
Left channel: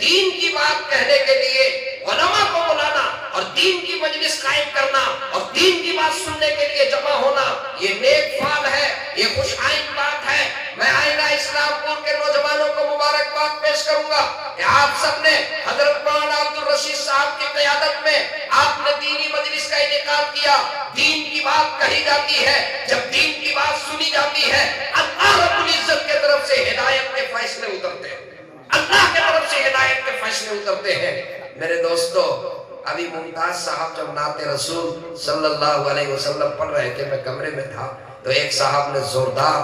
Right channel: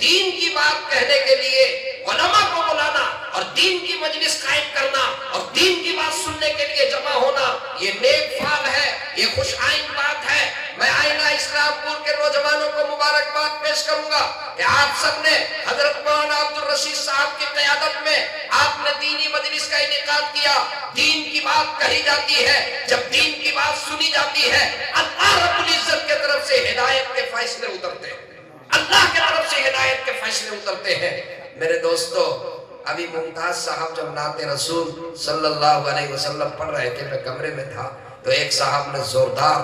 دین کی بات کہنے کے لیے علماء کو بلانا اور دین کی مجلس قائم کرنا اور دین کی بات سننے کے لیے جمع ہونا، یہ نیک فعل ہے، یہ خوش آئند بات ہے۔ میں آئینہ اسلام پور کے نوجوانوں کو مبارکباد پیش کروں گا کہ آپ سب نے حضرت مولانا عبدالرشید صاحب کی قیادت میں آپ نے دینی مجلس کا انعقاد کیا۔ دین کی بات کہی جاتی ہے، جب دین کی بات سنی جاتی ہے، اللہ رب العزت کے طرف سے ہدایت کے فیصلے اترتے ہیں، اللہ کے طرف سے ہدایت کے فیصلے اترتے ہیں۔ میرے دوستو، ابھی ممتاز صاحب جب نعت رسول صلی اللہ علیہ وسلم پڑھ رہے تھے، میں کمرے میں تھا، تو ایک صاحب نے زوردار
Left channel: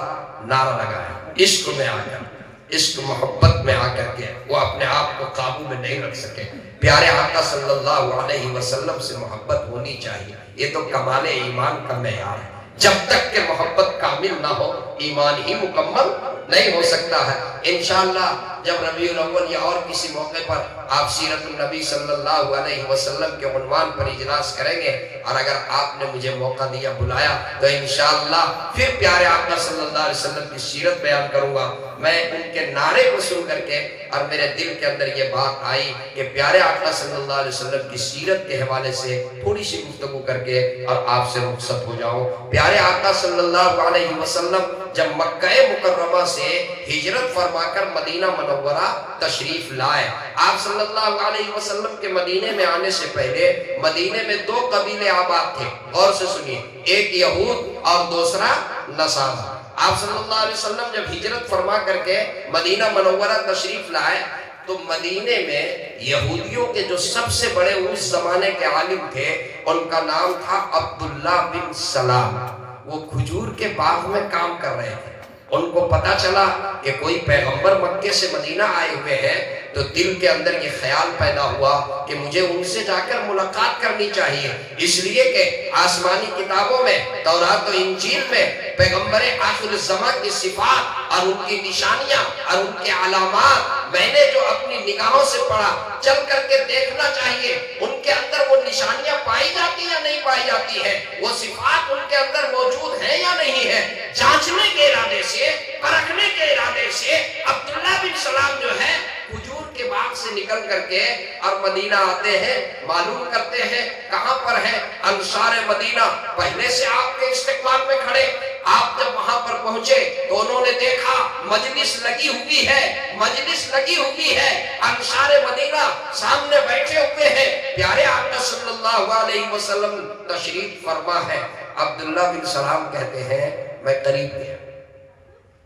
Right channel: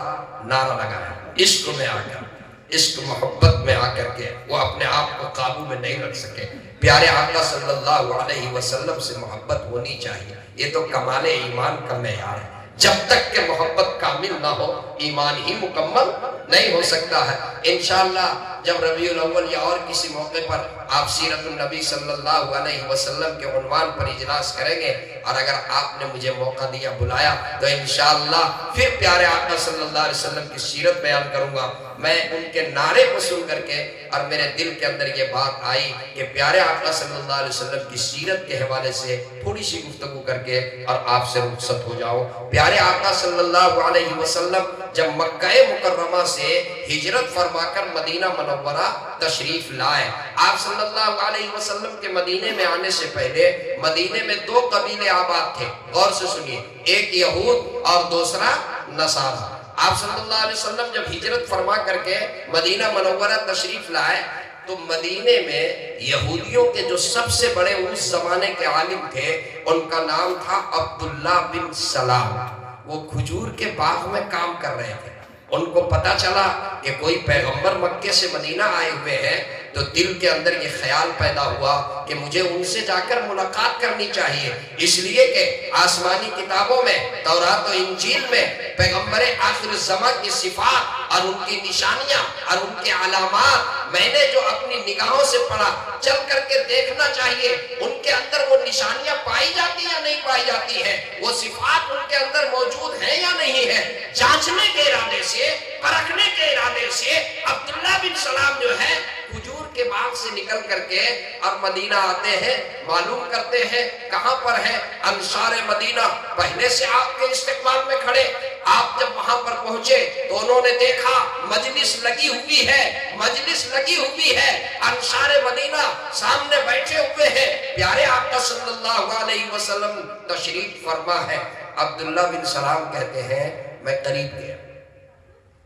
نعرہ لگایا، عشق میں آ کر، عشق محبت میں آ کر کے وہ اپنے آپ کو قابو میں نہیں رکھ سکے۔ پیارے آقا صلی اللہ علیہ وسلم سے محبت ہونی چاہیے، یہ تو کمال ایمان کا معیار ہے۔ جب تک کہ محبت کامل نہ ہو، ایمان ہی مکمل نہیں ہو سکتا ہے۔ انشاءاللہ جب ربیع الاول یا اور کسی موقع پر آپ سیرت النبی صلی اللہ علیہ وسلم کے عنوان پر اجلاس کریں گے، اور اگر آپ نے مجھے موقع دیا، بلایا، تو انشاءاللہ پھر پیارے آقا صلی اللہ علیہ وسلم کی سیرت بیان کروں گا۔ میں ان کے نعرے کو سن کر کے اور میرے دل کے اندر یہ بات آئی کہ پیارے آقا صلی اللہ علیہ وسلم کی سیرت کے حوالے سے تھوڑی سی گفتگو کر کے اور آپ سے رخصت ہو جاؤں۔ پیارے آقا صلی اللہ علیہ وسلم جب مکہ مکرمہ سے ہجرت فرما کر مدینہ منورہ تشریف لائے، آپ صلی اللہ علیہ وسلم کے مدینے میں آنے سے پہلے مدینے میں دو قبیلے آباد تھے، غور سے سنیے، ایک یہود اور دوسرا نصارہ۔ آپ صلی اللہ علیہ وسلم جب ہجرت فرما کر کے مدینہ منورہ تشریف لائے تو مدینے میں یہودیوں کے جو سب سے بڑے اس زمانے کے عالم تھے، ان کا نام تھا عبداللہ بن سلام۔ وہ کھجور کے باغ میں کام کر رہے تھے۔ ان کو پتا چلا کہ کوئی پیغمبر مکے سے مدینہ آئے ہوئے ہیں، تو دل کے اندر یہ خیال پیدا ہوا کہ مجھے ان سے جا کر ملاقات کرنی چاہیے، اس لیے کہ آسمانی کتابوں میں، تورات و انجیل میں پیغمبر آخر الزمان کی صفات اور ان کی نشانیاں اور ان کے علامات میں نے جو اپنی نگاہوں سے پڑھا، چل کر کے دیکھنا چاہیے ان کے اندر وہ نشانیاں پائی جاتی ہیں یا نہیں پائی جاتی ہیں، وہ صفات ان کے اندر موجود ہیں یا نہیں ہیں۔ جانچنے کے ارادے سے، پرکھنے کے ارادے سے عبداللہ بن سلام جو ہے کھجور کے باغ سے نکل کر کے اور مدینہ آتے ہیں، معلوم کرتے ہیں کہاں پر ہے۔ انصار مدینہ پہلے سے آپ کے استقبال میں کھڑے، آپ جب وہاں پر پہنچے تو انہوں نے دیکھا مجلس لگی ہوئی ہے، مجلس لگی ہوئی ہے، انصار مدینہ سامنے بیٹھے ہوئے ہیں، پیارے آقا صلی اللہ علیہ وسلم تشریف فرما ہے۔ عبداللہ بن سلام کہتے ہیں میں قریب گیا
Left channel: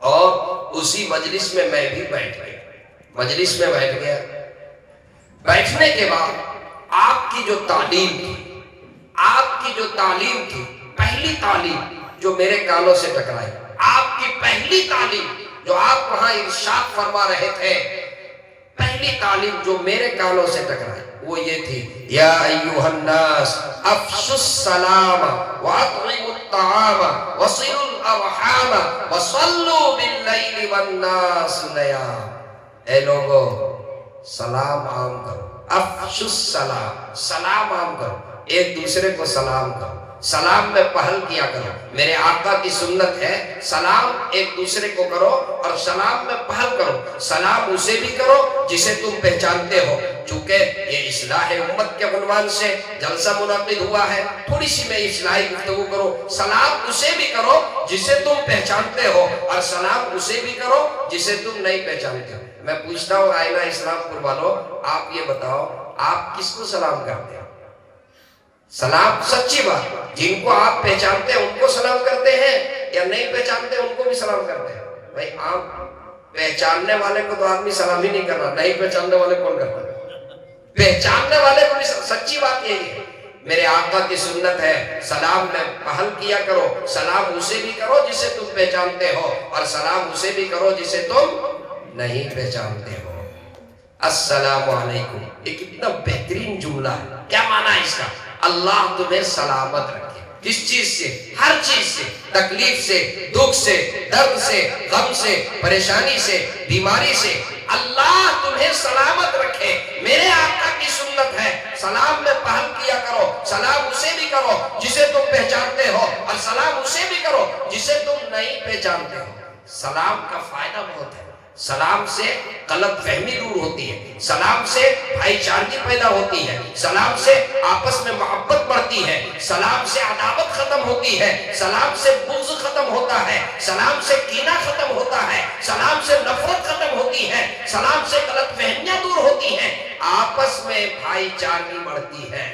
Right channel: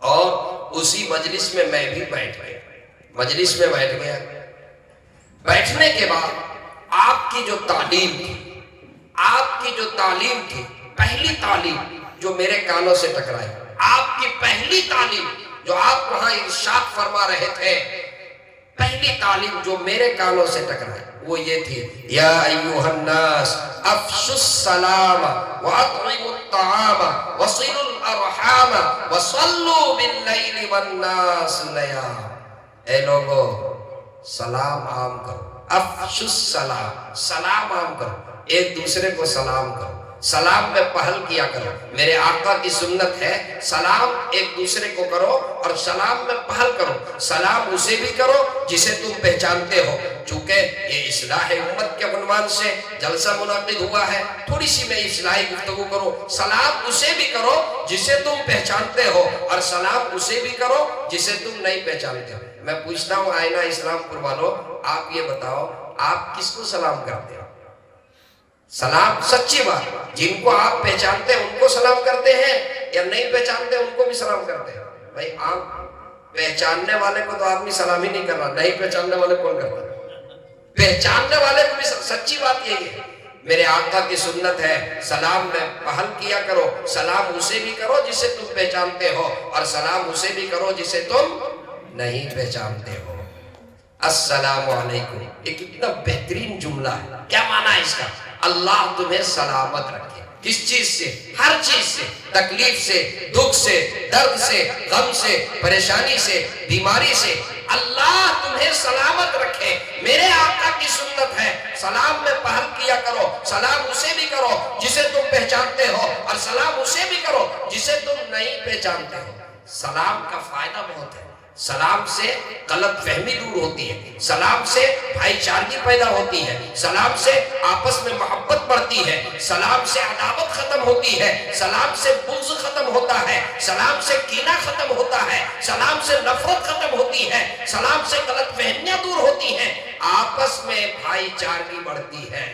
اور اسی مجلس میں میں بھی بیٹھ گیا، مجلس میں بیٹھ گیا۔ بیٹھنے کے بعد آپ کی جو تعلیم تھی، آپ کی جو تعلیم تھی، پہلی تعلیم جو میرے کانوں سے ٹکرائی، آپ کی پہلی تعلیم جو آپ وہاں ارشاد فرما رہے تھے، پہلی تعلیم جو میرے کانوں سے ٹکرائی وہ یہ تھی، یا ایوہ الناس افشوا السلام واطعموا الطعام وصلوا الارحام وصلوا باللیل والناس نیام۔ اے لوگو، سلام عام کرو، افشوا السلام، سلام عام کرو، ایک دوسرے کو سلام کرو، سلام میں پہل کیا کرو۔ میرے آقا کی سنت ہے سلام ایک دوسرے کو کرو اور سلام میں پہل کرو۔ سلام اسے بھی کرو جسے تم پہچانتے ہو، چونکہ یہ اصلاح امت کے عنوان سے جلسہ منعقد ہوا ہے، تھوڑی سی میں اصلاحی گفتگو کرو۔ سلام اسے بھی کرو جسے تم پہچانتے ہو اور سلام اسے بھی کرو جسے تم نہیں پہچانتے ہو۔ میں پوچھتا ہوں آئینہ اسلام پور والوں، آپ یہ بتاؤ آپ کس کو سلام کرتے ہو؟ سلام سچی بات، جن کو آپ پہچانتے ہیں ان کو سلام کرتے ہیں یا نہیں پہچانتے ان کو بھی سلام کرتے ہیں؟ بھائی آپ پہچاننے والے کو تو آدمی سلام ہی نہیں کرنا، نہیں پہچاننے والے کون کرتا ہے؟ پہچاننے والے کو بھی سچی بات یہی ہے۔ میرے آقا کی سنت ہے سلام میں پہل کیا کرو، سلام اسے بھی کرو جسے تم پہچانتے ہو اور سلام اسے بھی کرو جسے تم نہیں پہچانتے ہو۔ السلام علیکم، یہ کتنا بہترین جملہ ہے، کیا معنی ہے اس کا؟ اللہ تمہیں سلامت رکھے، کس چیز سے؟ ہر چیز سے، تکلیف سے، دکھ سے، درد سے، غم سے، پریشانی سے، بیماری سے، اللہ تمہیں سلامت رکھے۔ میرے آقا کی سنت ہے سلام میں پہل کیا کرو، سلام اسے بھی کرو جسے تم پہچانتے ہو اور سلام اسے بھی کرو جسے تم نہیں پہچانتے ہو۔ سلام کا فائدہ بہت ہے، سلام سے غلط فہمی دور ہوتی ہے، سلام سے بھائی چارگی پیدا ہوتی ہے، سلام سے آپس میں محبت بڑھتی ہے، سلام سے عداوت ختم ہوتی ہے، سلام سے بغض ختم ہوتا ہے، سلام سے کینہ ختم ہوتا ہے، سلام سے نفرت ختم ہوتی ہے، سلام سے غلط فہمیاں دور ہوتی ہیں، آپس میں بھائی چارگی بڑھتی ہے۔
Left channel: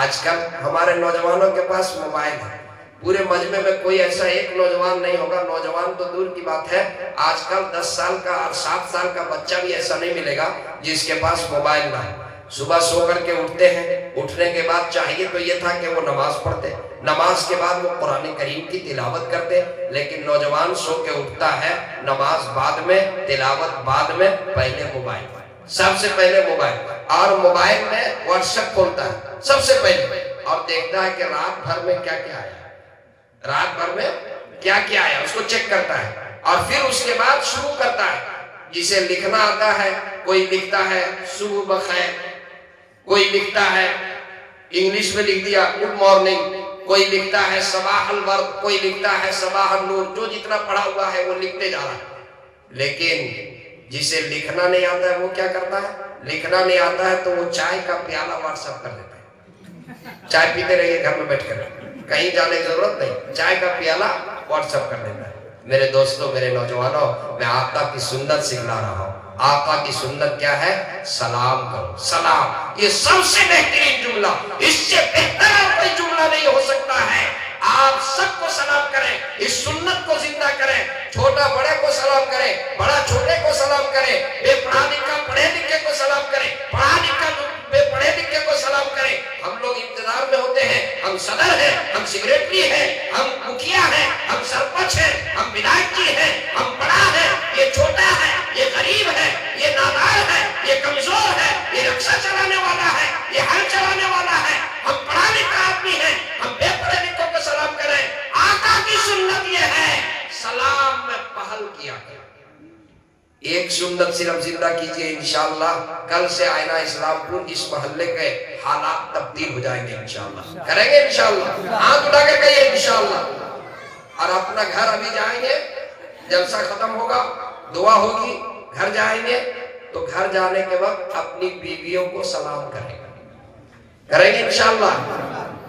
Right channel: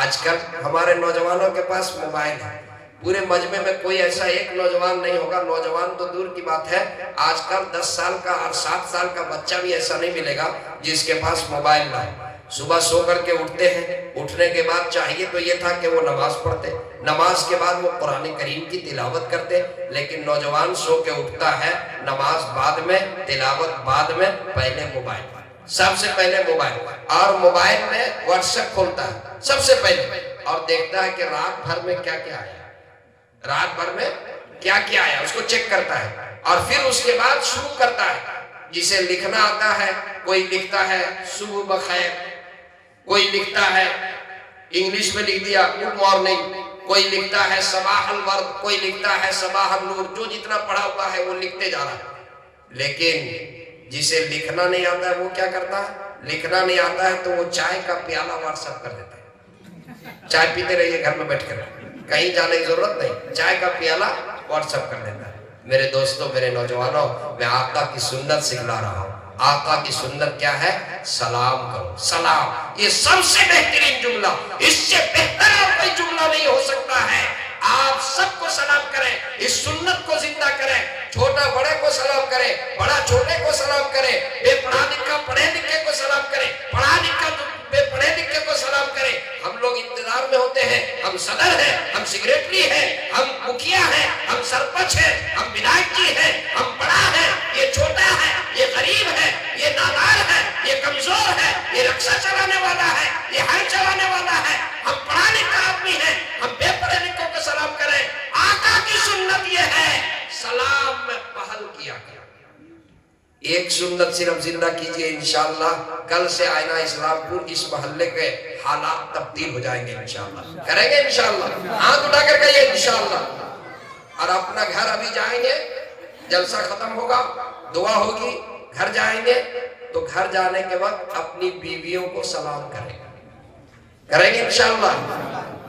آج کل ہمارے نوجوانوں کے پاس موبائل ہے، پورے مجمع میں کوئی ایسا ایک نوجوان نہیں ہوگا، نوجوان تو دور کی بات ہے، آج کل 10 سال کا اور 7 سال کا بچہ بھی ایسا نہیں ملے گا جس کے پاس موبائل نہ ہو۔ صبح سو کر کے اٹھتے ہیں، اٹھنے کے بعد چاہیے تو یہ تھا کہ وہ نماز پڑھتے، نماز کے بعد وہ قرآن کریم کی تلاوت کرتے، لیکن نوجوان سو کے اٹھتا ہے، نماز بعد میں، تلاوت بعد میں، پہلے موبائل، سب سے پہلے موبائل، اور موبائل میں واٹس ایپ کھولتا ہے سب سے پہلے، اور دیکھتا ہے کہ رات بھر میں کیا کیا آیا، رات بھر میں کیا کیا آیا اس کو چیک کرتا ہے، اور پھر اس کے بعد شروع کرتا ہے۔ جسے لکھنا آتا ہے کوئی لکھتا ہے صبح بخیر، کوئی لکھتا ہے انگلش میں لکھ دیا گڈ مارننگ، کوئی لکھتا ہے صباح الورد، کوئی لکھتا ہے صباح النور، جو جتنا پڑھا ہوا ہے وہ لکھتے جا رہا ہے۔ لیکن جسے لکھنا نہیں آتا ہے وہ کیا کرتا ہے؟ لکھنا نہیں آتا ہے تو وہ چائے کا پیالہ واٹس ایپ کر دیتا ہے، چائے پیتے رہیے گھر میں بیٹھ کر، کہیں جانے کی ضرورت نہیں، چائے کا پیالہ واٹس ایپ کر دیتا ہے۔ میرے دوستوں، میرے نوجوانوں، میں آقا کی سنت سکھلا رہا ہوں۔ آقا کی سنت کیا ہے؟ سلام کرو، سلام، یہ سب سے بہترین جملہ، اس سے بہتر اور کوئی جملہ نہیں ہو سکتا ہے۔ آپ سب کو سلام کریں، اس سنت کو زندہ کریں، چھوٹا بڑے کو سلام کریں، بڑا چھوٹے کو سلام کریں، بے پڑھا لکھا پڑھے لکھے کو سلام کریں، پڑھا لکھا بے پڑھے لکھے کو سلام کریں۔ ہم لوگ انتظار میں ہوتے ہیں، ہم صدر ہیں، ہم سیکریٹری ہیں، ہم مکھیا ہیں، ہم سرپنچ ہیں، ہم ودھایک جی ہیں، ہم بڑا ہے، یہ چھوٹا ہے، یہ غریب ہے، یہ نادار ہے، یہ کمزور ہے، یہ رکشہ چلانے والا ہے، یہ ہل چلانے والا ہے، ہم پڑھا لکھا آدمی ہیں، ہم بے پڑھے لکھوں کو سلام کریں۔ آقا کی سنت یہ ہے، سلام میں پہل کیا گیا۔ ایک سنت صرف زندہ کیجئے، انشاءاللہ کل سے آئینہ اسلام پور اس محلے کے حالات تبدیل ہو جائیں گے، انشاءاللہ کریں گے، انشاءاللہ ہاتھ اٹھا کر کہیے انشاءاللہ۔ اور اپنا گھر ابھی جائیں گے، جلسہ ختم ہوگا، دعا ہوگی، گھر جائیں گے تو گھر جانے کے وقت اپنی بیویوں کو سلام کریں گے انشاءاللہ۔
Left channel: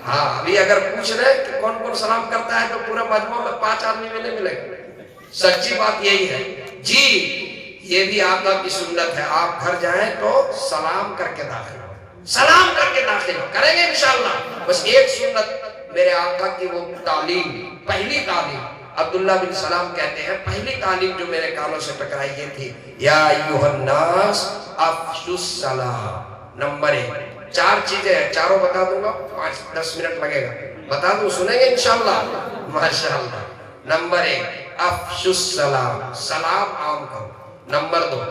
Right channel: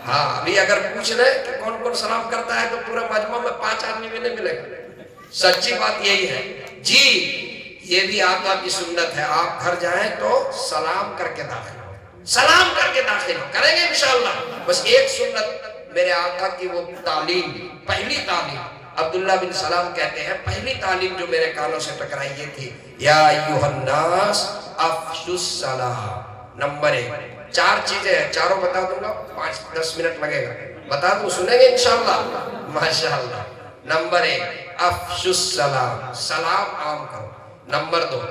ہاں، ابھی اگر پوچھ رہے کہ کون کون سلام کرتا ہے تو پورے مجموع میں 5 آدمی میں نہیں ملے گا، سچی بات یہی ہے جی۔ یہ بھی آقا کی سنت ہے، آپ گھر جائیں تو سلام کر کے داخل ہو، سلام کر کے داخل ہو، کریں گے انشاءاللہ۔ بس ایک سنت میرے آقا کی وہ تعلیم، پہلی تعلیم، عبداللہ بن سلام کہتے ہیں پہلی تعلیم جو میرے کانوں سے ٹکرائی یہ تھی، یا ایھا الناس افشوا السلام۔ نمبر 1، 4 چیزیں ہیں، چاروں بتا دوں گا، 5-10 منٹ لگے گا، بتا دوں، سنیں گے انشاءاللہ، ماشاءاللہ۔ نمبر 1، افشوا السلام، سلام عام کرو۔ نمبر 2،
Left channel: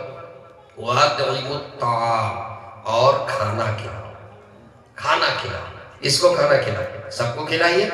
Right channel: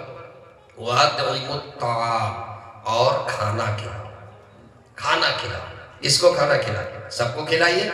وَأَطْعِمُوا الطَّعَامَ، اور کھانا کھلاؤ، کھانا کھلاؤ۔ اس کو کھانا کھلائیے، سب کو کھلائیے،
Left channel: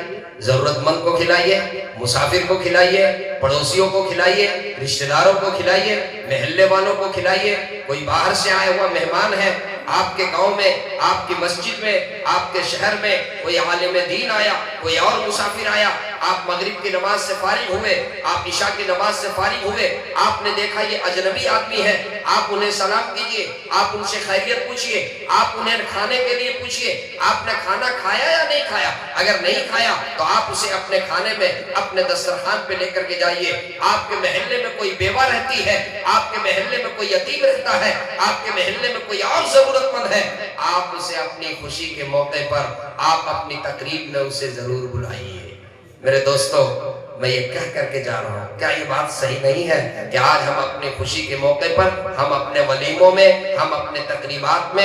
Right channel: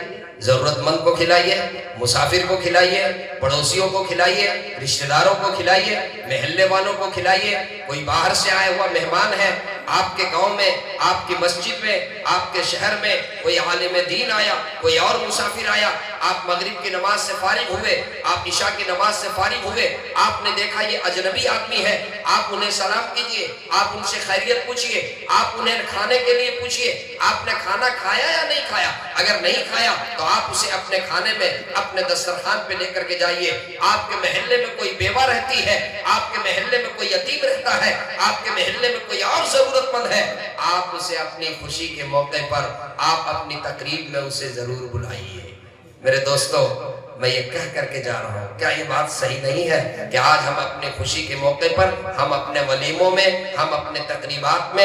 ضرورت مند کو کھلائیے، مسافر کو کھلائیے، پڑوسیوں کو کھلائیے، رشتہ داروں کو کھلائیے، محلے والوں کو کھلائیے۔ کوئی باہر سے آیا ہوا مہمان ہے، آپ کے گاؤں میں، آپ کی مسجد میں، آپ کے شہر میں کوئی عالم دین آیا، کوئی اور مسافر آیا، آپ مغرب کی نماز سے فارغ ہوئے، آپ عشاء کی نماز سے فارغ ہوئے، آپ نے دیکھا یہ اجنبی آدمی ہے، آپ انہیں سلام کیجئے، آپ ان سے خیریت پوچھئے، آپ انہیں کھانے کے لیے پوچھئے، آپ نے کھانا کھایا یا نہیں کھایا؟ اگر نہیں کھایا تو آپ اسے اپنے کھانے میں، اپنے دسترخوان پہ لے کر کے جائیے۔ آپ کے محلے میں کوئی بیوہ رہتی ہے، آپ کے محلے میں کوئی یتیم رہتا ہے، آپ کے محلے میں کوئی اور ضرورت مند ہے، آپ اسے اپنی خوشی کے موقع پر، آپ اپنی تقریب میں اسے ضرور بلائیے۔ میرے دوستو، میں یہ کہہ کر کے جا رہا ہوں، کیا یہ بات صحیح نہیں ہے کہ آج ہم اپنی خوشی کے موقع پر، ہم اپنے ولیموں میں، ہم اپنے تقریبات میں